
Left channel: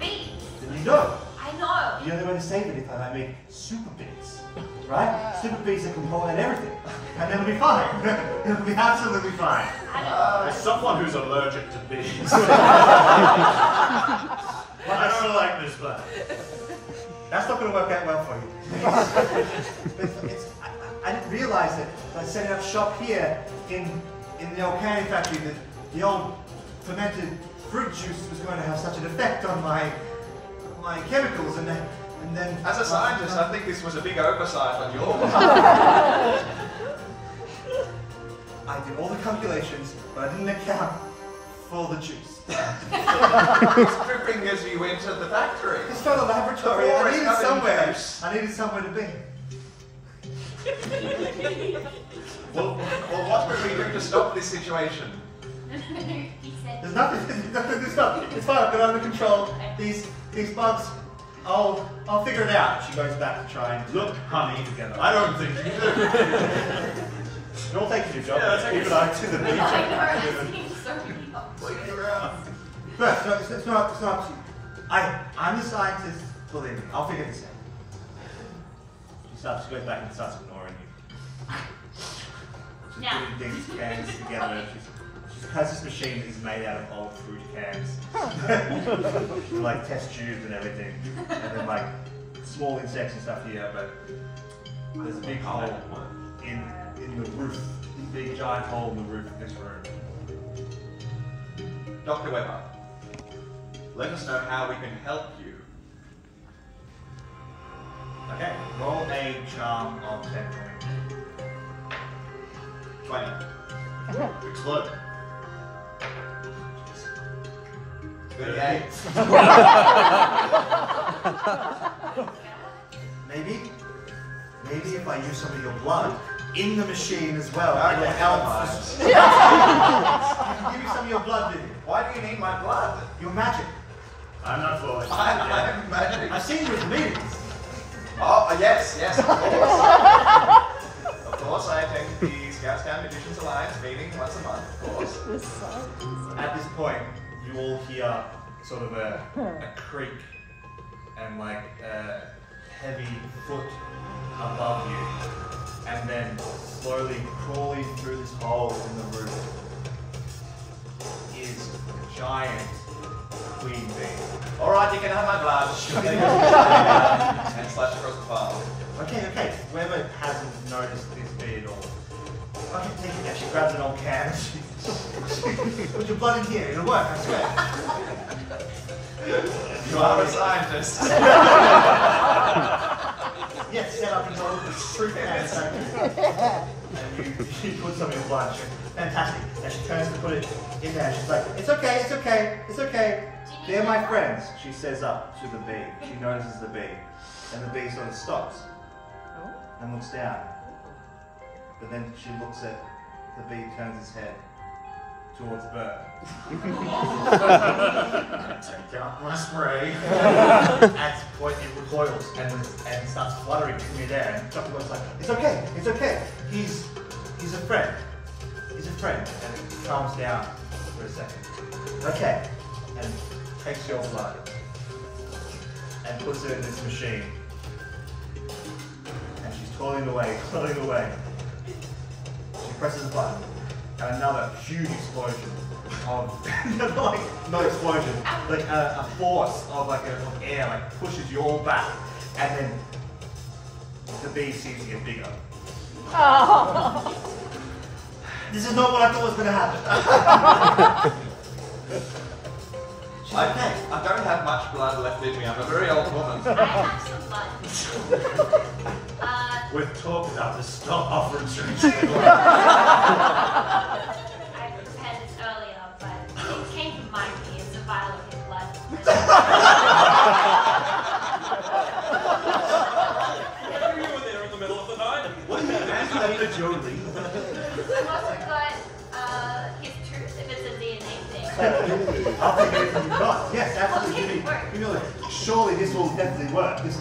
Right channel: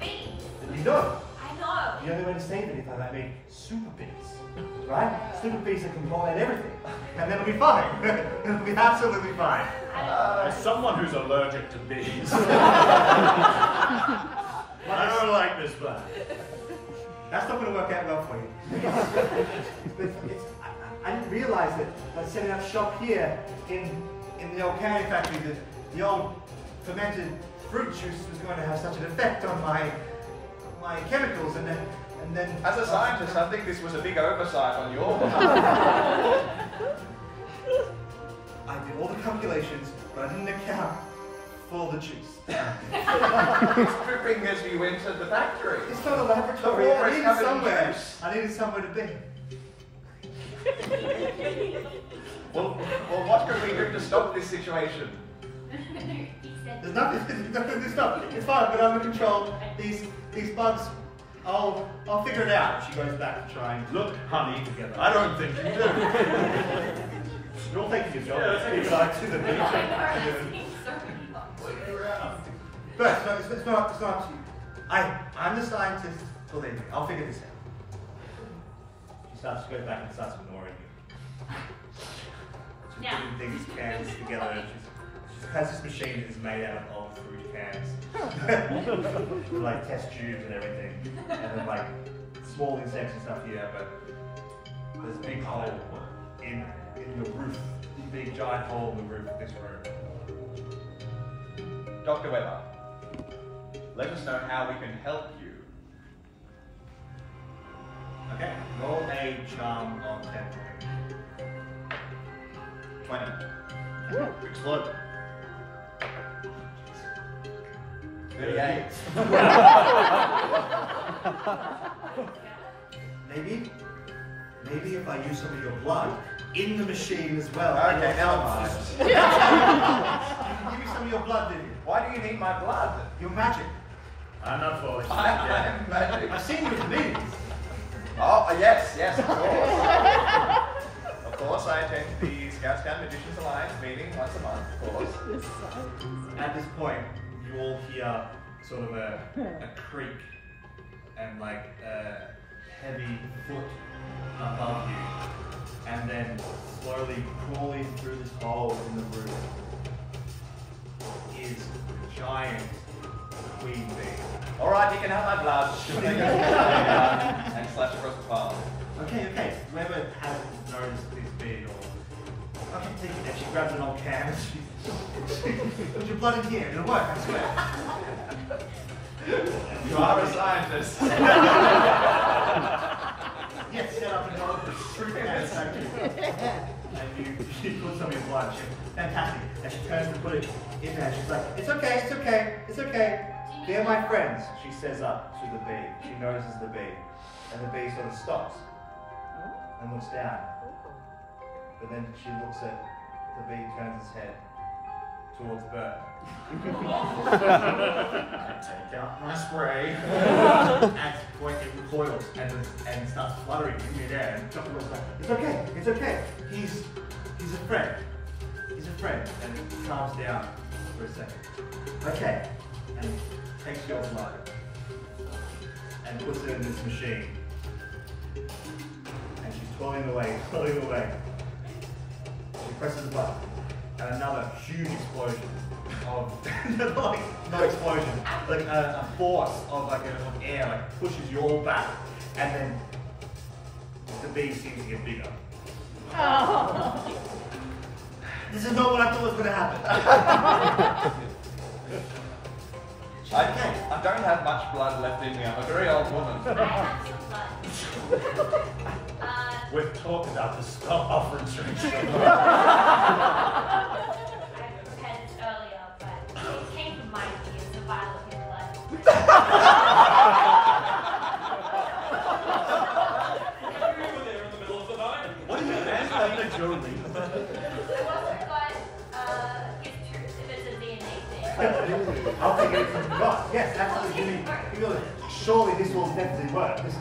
Bees. And you know, I know. the only way to save it is that I make super bees. Right? Super bees that can pollinate everything. And then it'll be fine. It'll be absolutely fine. I know. As someone who's allergic to bees, I don't like this plan. That's not going to work out well for you. I didn't realize that by setting up shop here in the old canning factory that the old fermented fruit juice was going to have such an effect on my chemicals, and then As a scientist, I think this was a big oversight on your part. I did all the calculations, but I didn't account for the juice. It's dripping as you entered the factory. It's not a laboratory. The floor I is needed covered in somewhere. juice. I needed somewhere to be. Well, what can we do to stop this situation? He said. There's nothing to stop. It's fine. I've got it under control. These bugs. I'll figure it out. She goes back to try and Look, honey, together. I don't think you do. You're all taking your job. Yeah, take your back to the beach. Waiting around. But no, it's not up to you. I'm the scientist. Believe me, I'll figure this out. She goes back and starts ignoring you. She's Yeah. putting things, cans together. And she has this machine that is made out of old fruit cans. Like test tubes and everything. And then like small insects and stuff here, but there's a big hole in your roof. Big giant hole in the roof of this room. Dr. Weber, let us know how we can help you. Okay, roll a charm of 10 points. 20. Explode. 38. Maybe if I use some of your blood, in the machine as well. Okay, Anyone never else? mind. You can give me some of your blood, Vivian. Why do you need my blood? Your magic. I'm not falling. I'm magic. I've seen you in meetings. Oh, yes, of course. Of course, I attend the Scout Magicians Alliance meeting once a month, of course. At this point, you all hear sort of a creak and like a heavy foot above you, and then slowly crawling through this hole in the roof is a giant queen bee. All right, you can have my blood. She'll take us away and slash across the palm. Okay. Whoever hasn't noticed this bee at all. Okay, take it. And she grabs an old can. She put your blood in here. It'll work, I swear. You are a scientist. Yes, set up your old truth can factory. And you put some in your blood. Fantastic. And she turns to put it in there. She's like, it's okay. They're my friends. She says up to the bee. She notices the bee. And the bee sort of stops and looks down. But then she looks at the bee, turns its head towards Bert. Take out my spray. At this point it recoils and starts fluttering in midair, and Chucky looks like, it's okay. He's a friend. He's a friend. And it calms down for a second. Okay. And takes your blood and puts it in this machine. And she's toiling away. She presses a button, and another huge explosion of, like, not explosion, like a force of like of air like pushes you all back, and then the bee seems to get bigger. Oh. This is not what I thought was going to happen. Okay, I don't have much blood left in me. I'm a very old woman. I have some blood. We've talked about this. Stop offering streets. I prepared this earlier, but it came from my bee. It's a vial of his blood. You were there in the middle of the night. It wasn't like his tooth, if it's a DNA thing. I'll take it from you not. Yes, absolutely. Surely this will definitely work. She puts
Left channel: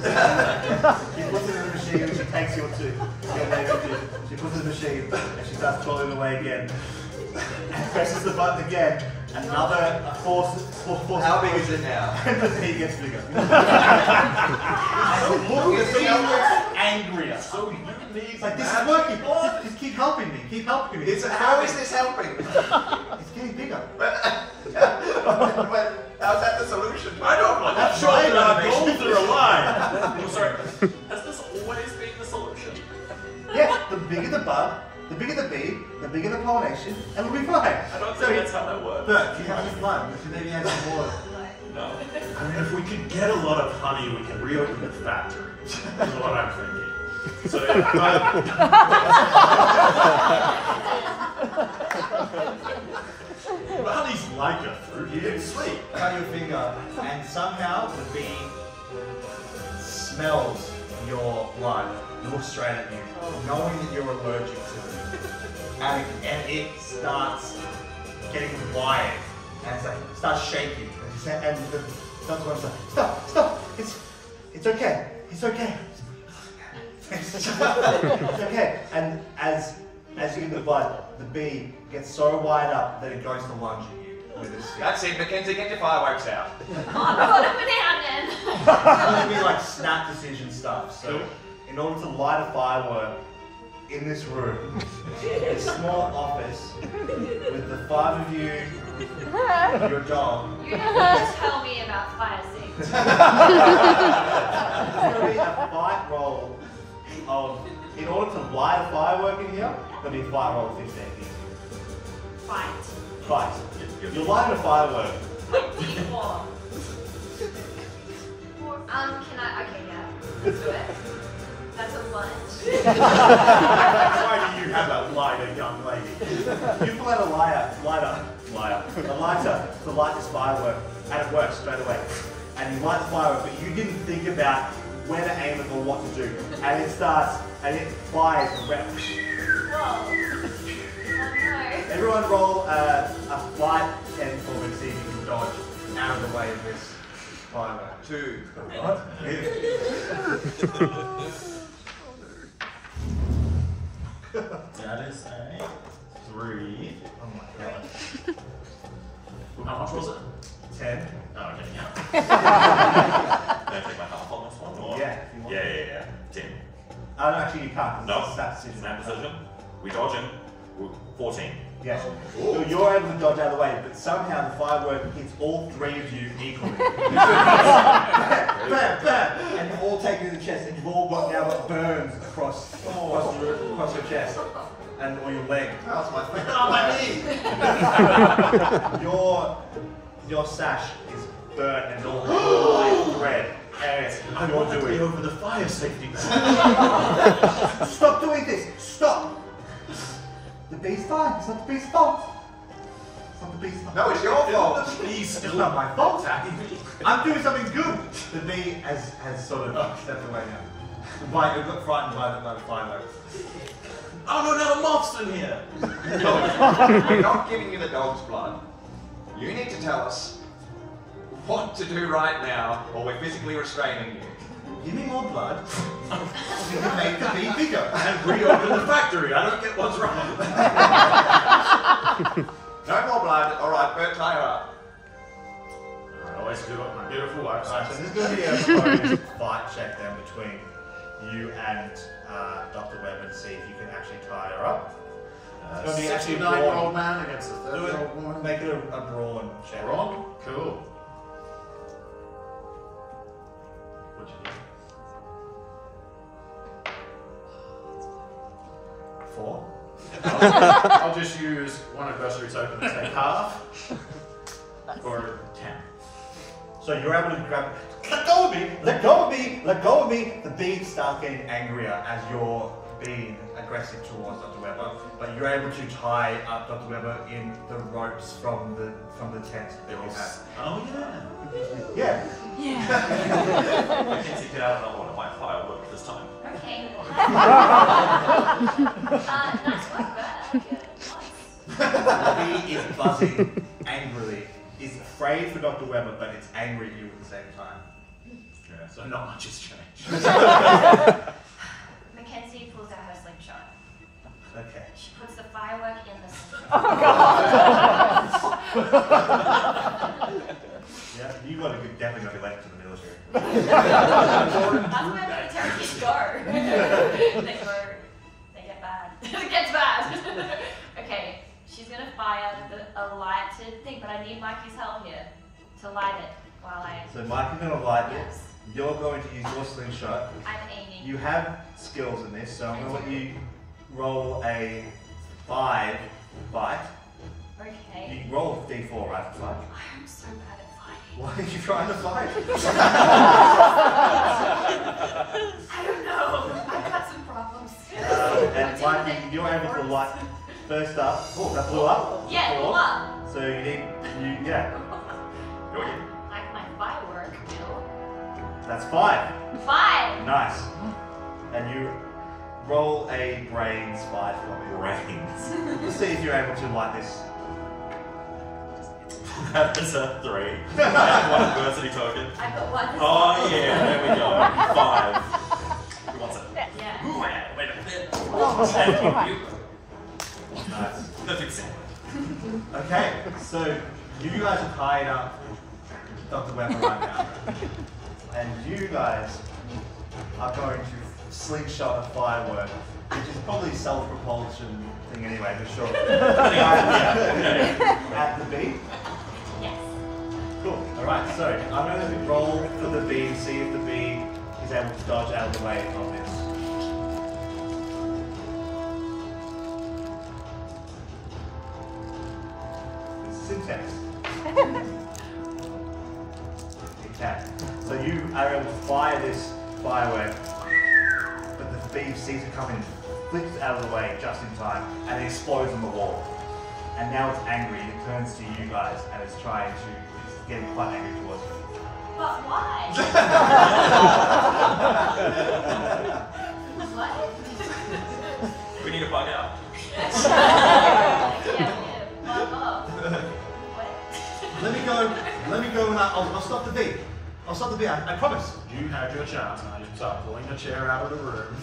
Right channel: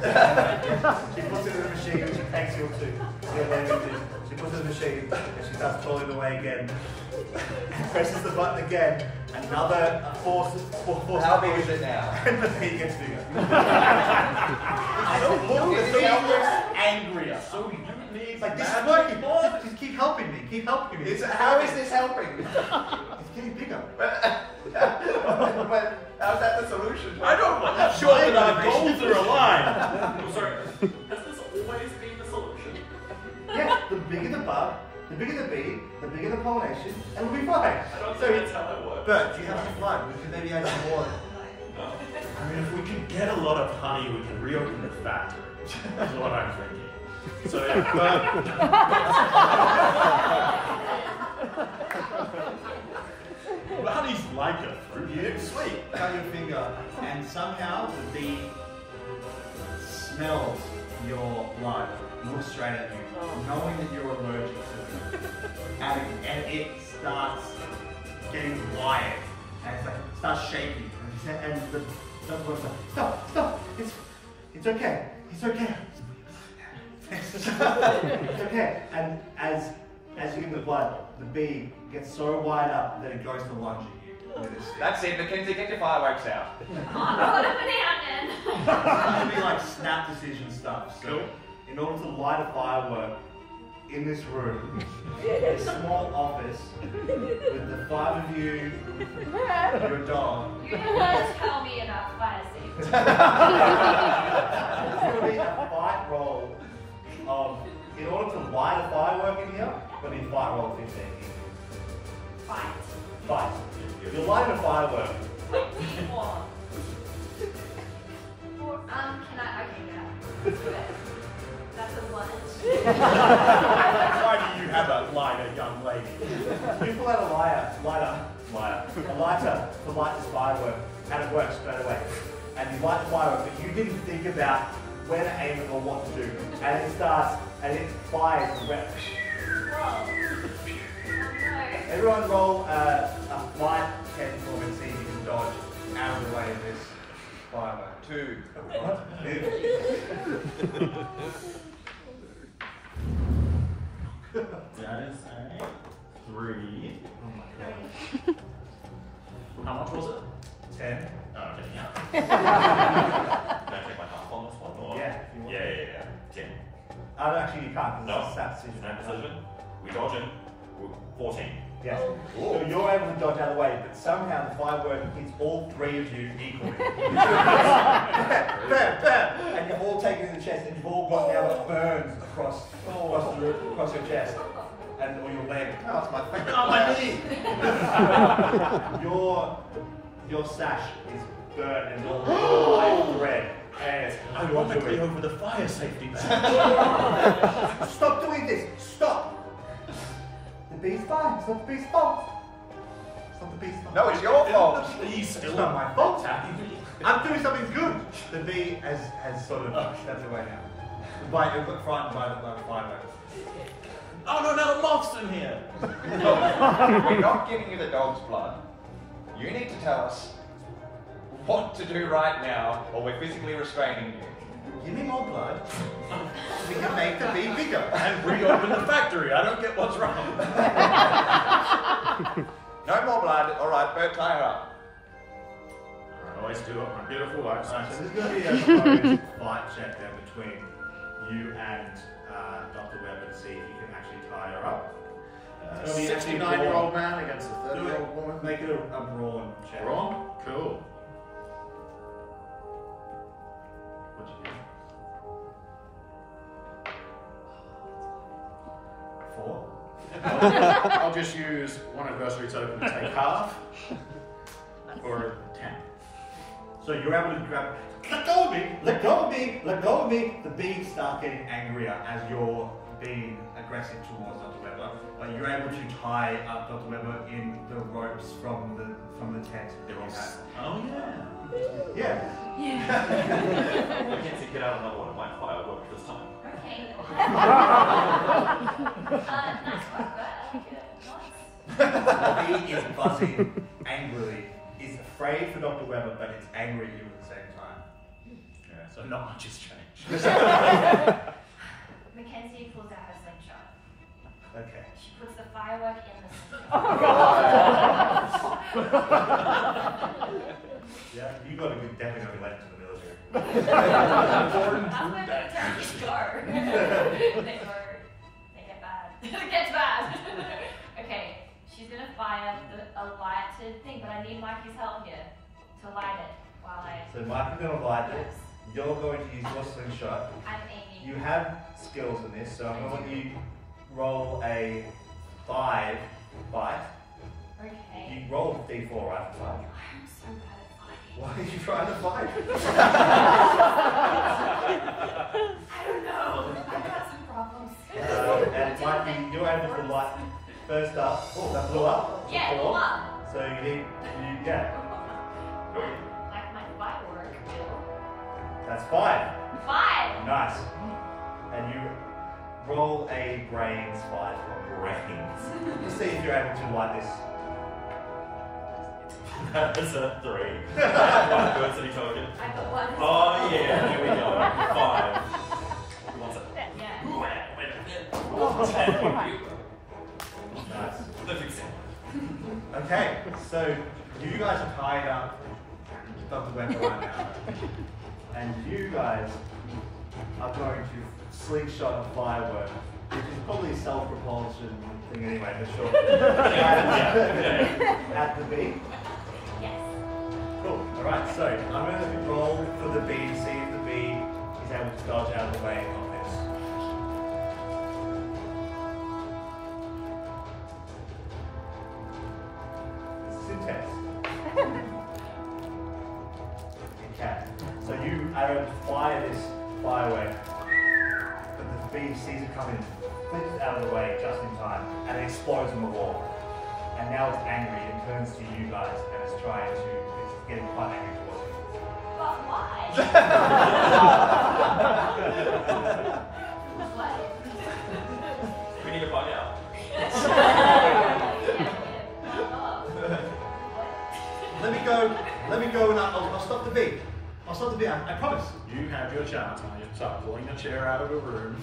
it in the machine and she takes your tooth. She puts it in the machine and she starts pulling away again. And presses the button again. Another force. How big is it now? And the bee gets bigger. And the bee gets angrier. So you need It's like, this is working. Just keep helping me. How is this helping? It's getting bigger. But how's that the solution? I don't want That's that. my Our motivation. goals are aligned. I'm sorry, has this always been the solution? Yes, the bigger the bug, the bigger the bee, the bigger the pollination, and we'll be fine. I don't think that's how that works. But you have some fun. We can maybe have some more. No. I mean, if we can get a lot of honey, we can reopen the factory. Is what I'm thinking. So, but honey's like a fruit. You didn't sleep. Cut your finger, and somehow the bee smells your blood, looks straight at you, knowing that you're allergic to it, and it starts getting wired, and it's like starts shaking, and the doctor goes like, stop, it's okay. It's okay. And as you get the blood, the bee gets so wired up that it goes to lunge at you with its stick. That's it, Mackenzie, get your fireworks out. Oh no, what happened then? It's gonna be like snap decision stuff. So, in order to light a firework in this room, a small office with the 5 of you, your dog. You never tell me about fire safety. It's gonna be a fight roll of, in order to light a firework in here, it'll be a fight roll of 15 here. Fight. You're lighting a firework. What do you want? Can I? Okay, yeah. Let's do it. That's a lunch. Why do you have that lighter, young lady? You pull out a lighter to light this firework, and it works straight away. And you light the firework, but you didn't think about where to aim it or what to do. And it starts, and it fires around. Everyone roll a flight 10 for me to see if you can dodge out of the way of this firework. 2. What? That is a 3. Oh my god. How much was it? 10. Oh, okay, yeah. Can I take my half on this one? Or? Yeah, if you want. Yeah. 10. Oh, no, actually you can't. No, It's a stat decision. snap decision. We dodge him. 14. Yes. So you're able to dodge out of the way, but somehow the firework hits all 3 of you equally. Bam, bam, and you've all taken in the chest, and you've all got now burns across your chest and or your leg. Oh, that's my thing. Oh, my knee! Your sash is burnt and all like red. And you're doing. Over the fire safety man. Stop doing this! Stop! The bee's fine. It's not the bee's fault. It's not the bee's fault. No, it's your fault. Please, It's not my fault. I'm doing something good. The bee has sort of stepped away now. The bite, it got frightened by the fireworks. Oh no, now the moth's in here! We're not giving you the dog's blood. You need to tell us what to do right now, or we're physically restraining you. Give me more blood. We can make the bee bigger. And reopen the factory. I don't get what's wrong. No more blood. All right, Bert, tie her up. I always do up my beautiful wife. Alright, so there's going to be a close fight check then between you and Dr. Webb and see if you can actually tie her up. It's gonna be actually 69-year-old man against a Do 30-year-old it. woman. Make it a brawn check. Wrong? Cool. What'd you do? 4. I'll just use one adversary token to take half. Or 10. So you're able to grab. Let go of me! Let go of me! Let go of me! The bee starts getting angrier as you're being aggressive towards Dr. Webber, but you're able to tie up Dr. Webber in the ropes from the tent that you have. Oh Yeah. yeah. Mackenzie, get out. I don't want to buy firework this time. Okay. Nice work, Bert. I like it. Nice. The bee is buzzing angrily. It's afraid for Dr. Webber, but it's angry at you at the same time. Yeah, so not much has changed. Mackenzie pulls out her slingshot. Okay. She puts the firework in the slingshot. Yeah, you got to be definitely going to be late to the military. That's where militaries go. They get bad. It gets bad. Okay, she's gonna fire a lighted thing, but I need Mikey's help here to light it while I. So Mike is going to light it. Yes. You're going to use your slingshot. I'm aiming. You have skills in this, so I'm going to let you roll a 5 fight. Okay. You roll D4, right? For fight. I'm so bad at fighting. Why are you trying to fight? I don't know. I've got some problems. And Mikey, you're able to light first up. Oh, that blew up. Yeah, it blew Four. up. So you need, yeah. Go again. Like my firework, Bill. That's 5. 5. Nice. And you roll a brains fight. Brains. Let's see if you're able to light this. That is a 3. I have one adversity token. I've got one. Oh yeah, there we go. 5. Who wants it? Yeah. Ooh, wait a minute. And you. Nice. Perfect set. Okay, so you guys are tied up Dr. Webber right now. And you guys are going to slingshot a firework, which is probably a self-propulsion thing anyway, but sure. At the bee. Yes. Cool. Alright, so I'm going to roll for the bee to see if the bee is able to dodge out of the way of this. This is intense. It can. So you are able to fire this firework, but the bee sees it coming, flips it out of the way just in time, and it explodes on the wall. And now it's angry, it turns to you guys, and it's trying to, it's getting quite angry towards you. But why? What? We need to find out. Let me go and I'll stop the beat. I'll stop the beat, I promise. You had your chance, now you stop pulling a chair out of the room.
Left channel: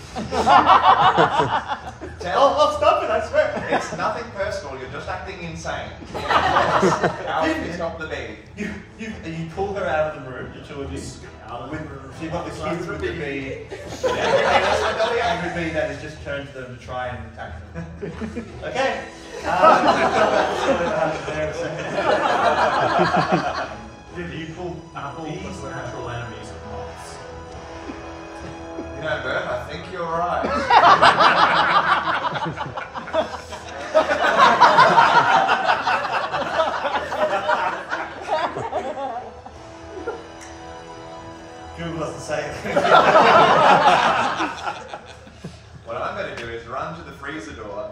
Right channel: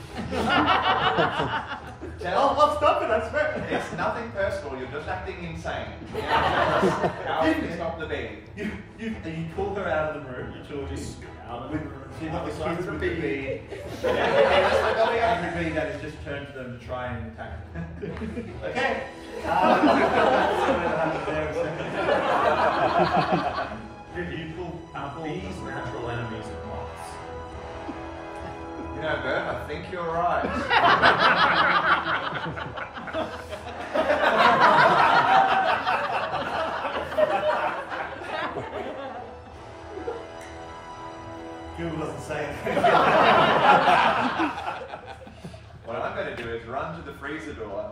I'll stop it, I swear. It's nothing personal, you're just acting insane. How can you stop the beat? You pull her out of the room, the two of you. Out of the room. You've got the kids with the bee. The angry bee that has just turned to them to try and attack them. Okay. You pull Bees are natural enemies of moths. You know, Bert, I think you're right. Google doesn't say it. What I'm going to do is run to the freezer door,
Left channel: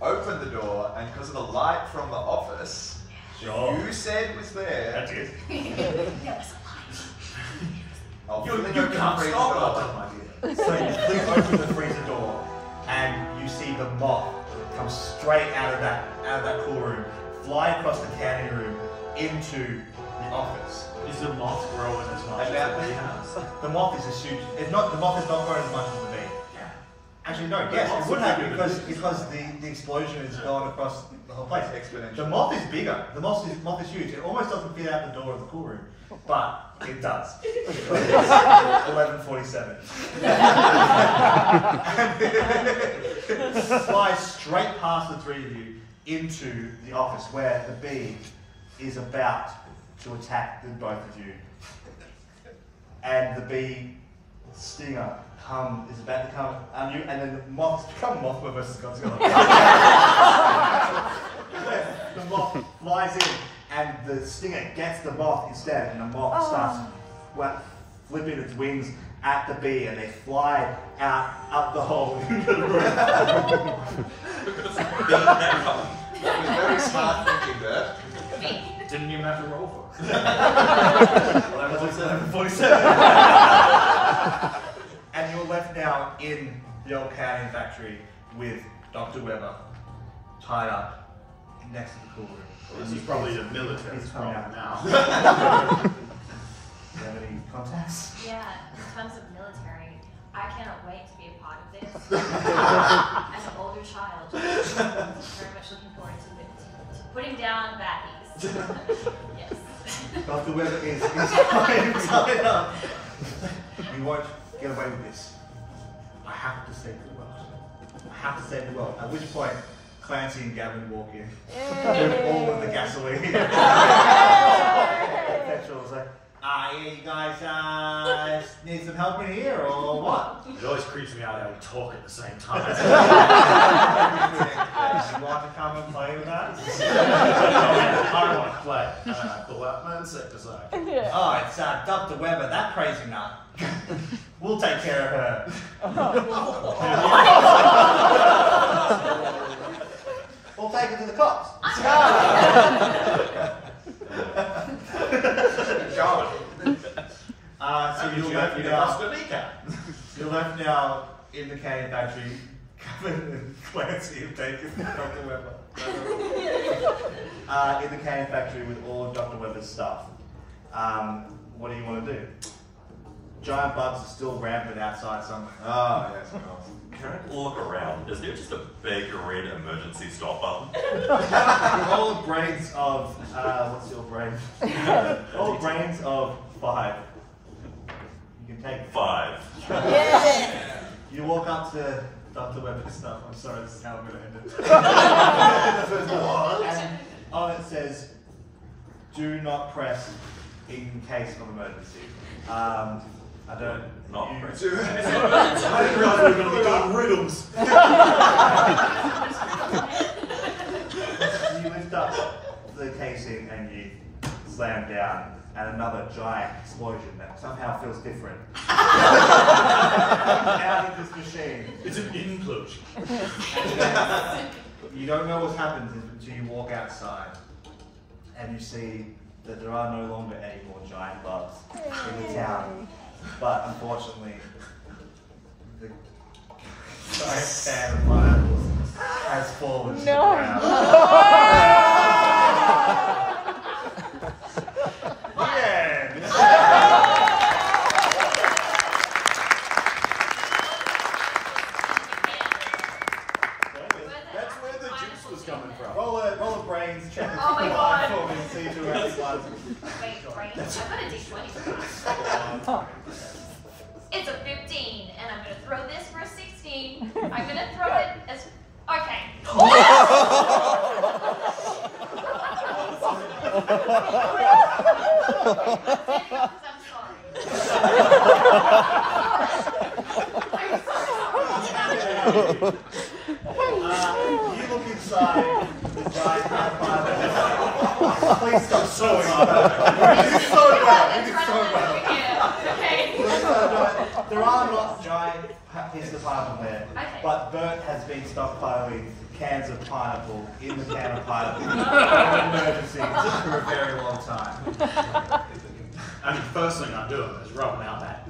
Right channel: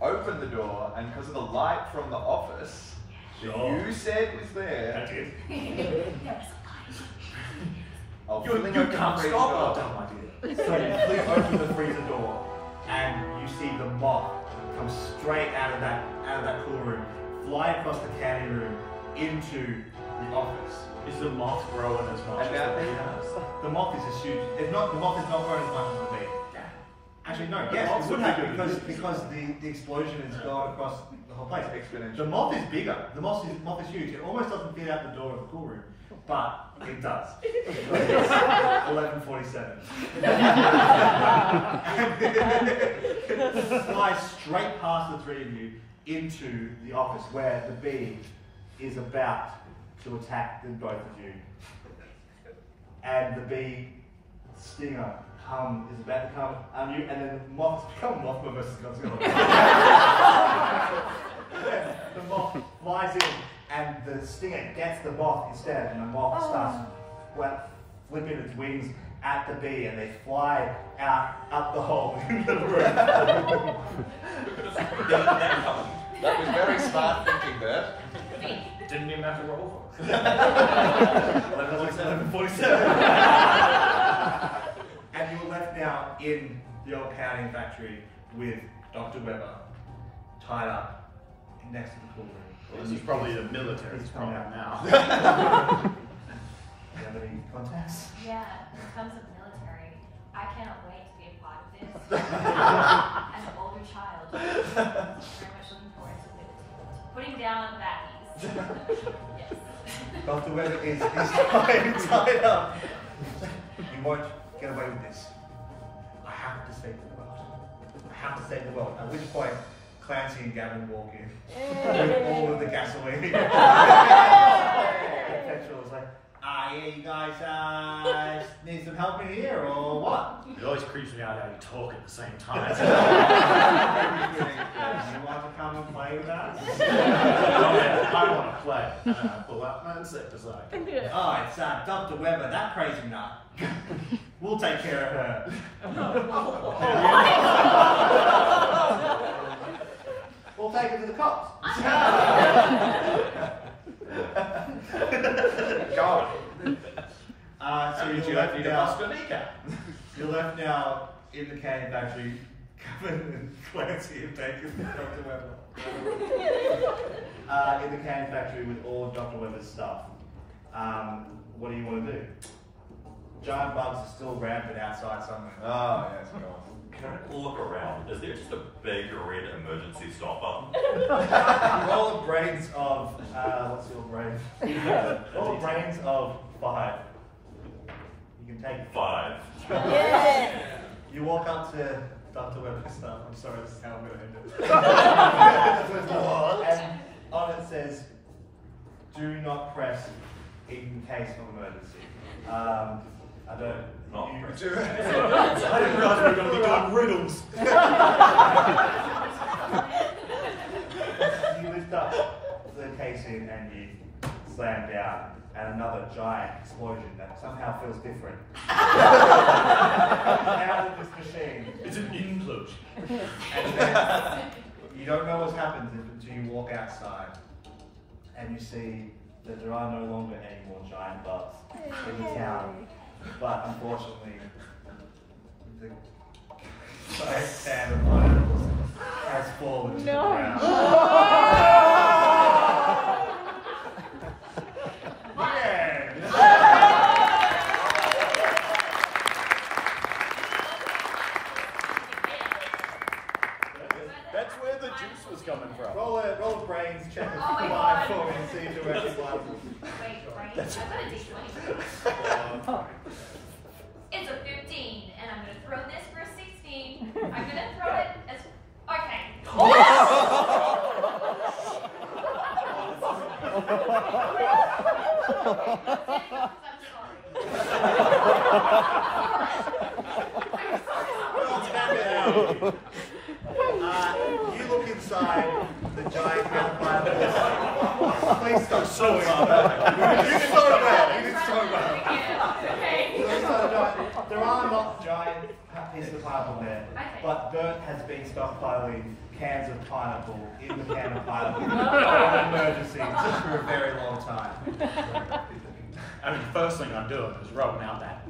open the door, and because of the light from the office that you said was there, That's it. I'll You fling open the can't freezer stop door. it. So you fling open the freezer door, and you see the moth come straight out of that cool room, fly across the candy room into the office. Is the moth growing as much as the bee has? The moth is a huge. The moth is not growing as much as the bee. Actually, no. Yes, moth's it would have bigger than because the explosion is going across the whole place. Exponential. The moth is bigger. The moth is huge. It almost doesn't fit out the door of the cool room, but it does. It's 11:47. Flies straight past the three of you into the office where the bee is about to attack the both of you, and the bee stinger is about to come on you, and then the moth Mothma versus Godzilla. The moth flies in, and the stinger gets the moth instead, and the moth starts flipping its wings at the bee, and they fly out up the hole into the room. That was very smart thinking, Bert. Didn't even have to roll for it. 11:47. And you're left now in the old canning factory with Dr. Weber tied up next to the cool room. This is probably a military He's coming problem out. now. Do you have any contacts? Yeah, in terms of military, I cannot wait to be a part of this. As an older child, very much looking forward to putting down baddies. Yes. Dr. Weber is tied up. We won't get away with this. I have to save the world. I have to save the world. At which point, Clancy and Gavin walk in with all of the gasoline. Petrol is like, yeah, you guys need some help in here or what? It always creeps me out how you talk at the same time. You want to come and play with us? Oh yeah, I want to play. And then I pull out my insecticide. Oh, it's Dr. Weber, that crazy nut. We'll take care of her. We'll take her to the cops. God. So you're left now in the canning factory. Kevin and Clancy have taken Dr. Weber. In the canning factory with all of Dr. Weber's stuff. What do you want to do? Giant bugs are still rampant outside somewhere. Oh, yes, of course. Can I look around? Is there just a big red emergency stop button? Roll the brains of, what's your brain? Roll the brains of 5. You can take 5. You walk up to Dr. Weber's stuff. I'm sorry, this is how I'm going to end it. And on it says, do not press in case of emergency. I don't. Not you, press. I didn't know we were going to be doing riddles. You lift up the casing and you slam down, and another giant explosion that somehow feels different. Out of this machine. It's an implosion. And then you don't know what's happened until you walk outside and you see that there are no longer any more giant bugs in the town. But unfortunately, the giant can of pineapples has fallen to the No. ground. That's where the juice was coming from. Roll a brains check of Oh my 5 God. for me and see who actually was. Wait, brains? I've got a d20. It's a 15, and I'm gonna throw this for a 16. I'm gonna throw it as. Okay. You look inside the giant caterpillar. Please stop showing up. You did so well. You did so well. Okay. There are not giant pieces of pineapple there, Okay. but Bert has been stockpiling cans of pineapple in the can of pineapple for emergencies for a very long time. I mean, the first thing I'm doing is rubbing out that.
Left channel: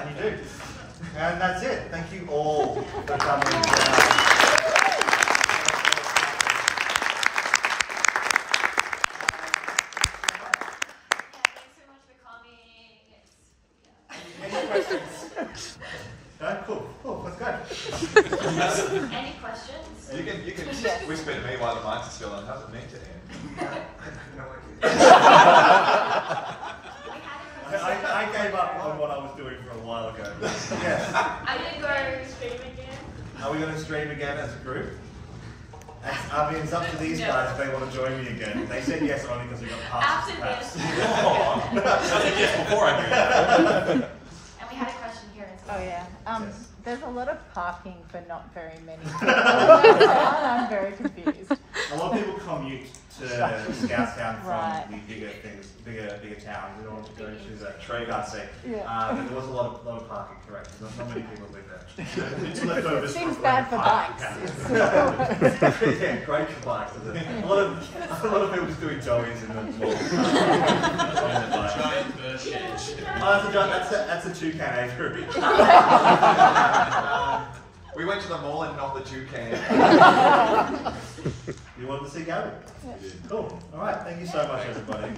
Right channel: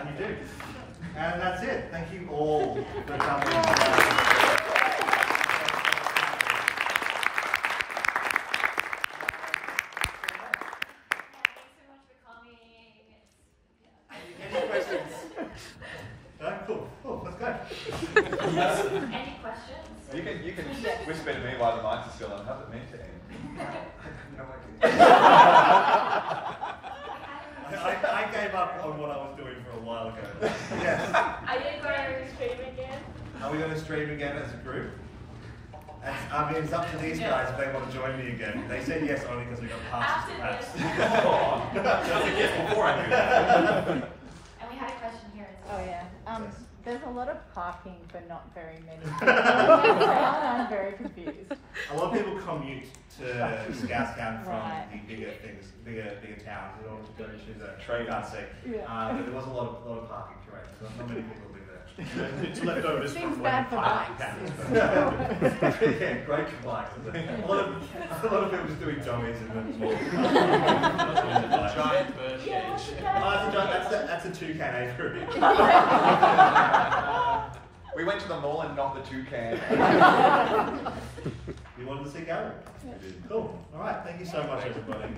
And you do. And that's it. Thank you all for coming down. Any questions? No? Cool. Cool. Let's go. Any questions? You can whisper to me while the mics are still on. How's it mean to end? I gave up on what I was doing for a while ago. Yes. Are we gonna go stream again? Are we going to stream again as a group? I mean, it's up to these guys if they want to join me again. They said yes only because we got passes to pass. Yes, before I do that. And we had a question here as well. Oh yeah. Yes. There's a lot of parking for not very many people. I'm very confused. A lot of people commute to Scoutstown from Right. the bigger towns in order to go to the Trade. car seat. Yeah. There was a lot of parking, correct? Not many people live there. It's leftovers Seems from bad for when bikes. Yeah, great for bikes. Isn't it? A lot of people just doing joggies in the mall. Giant bird cage. That's a toucan aviary. We went to the mall and not the toucan. You wanted to see Gary? Cool. All right. Thank you so much, everybody.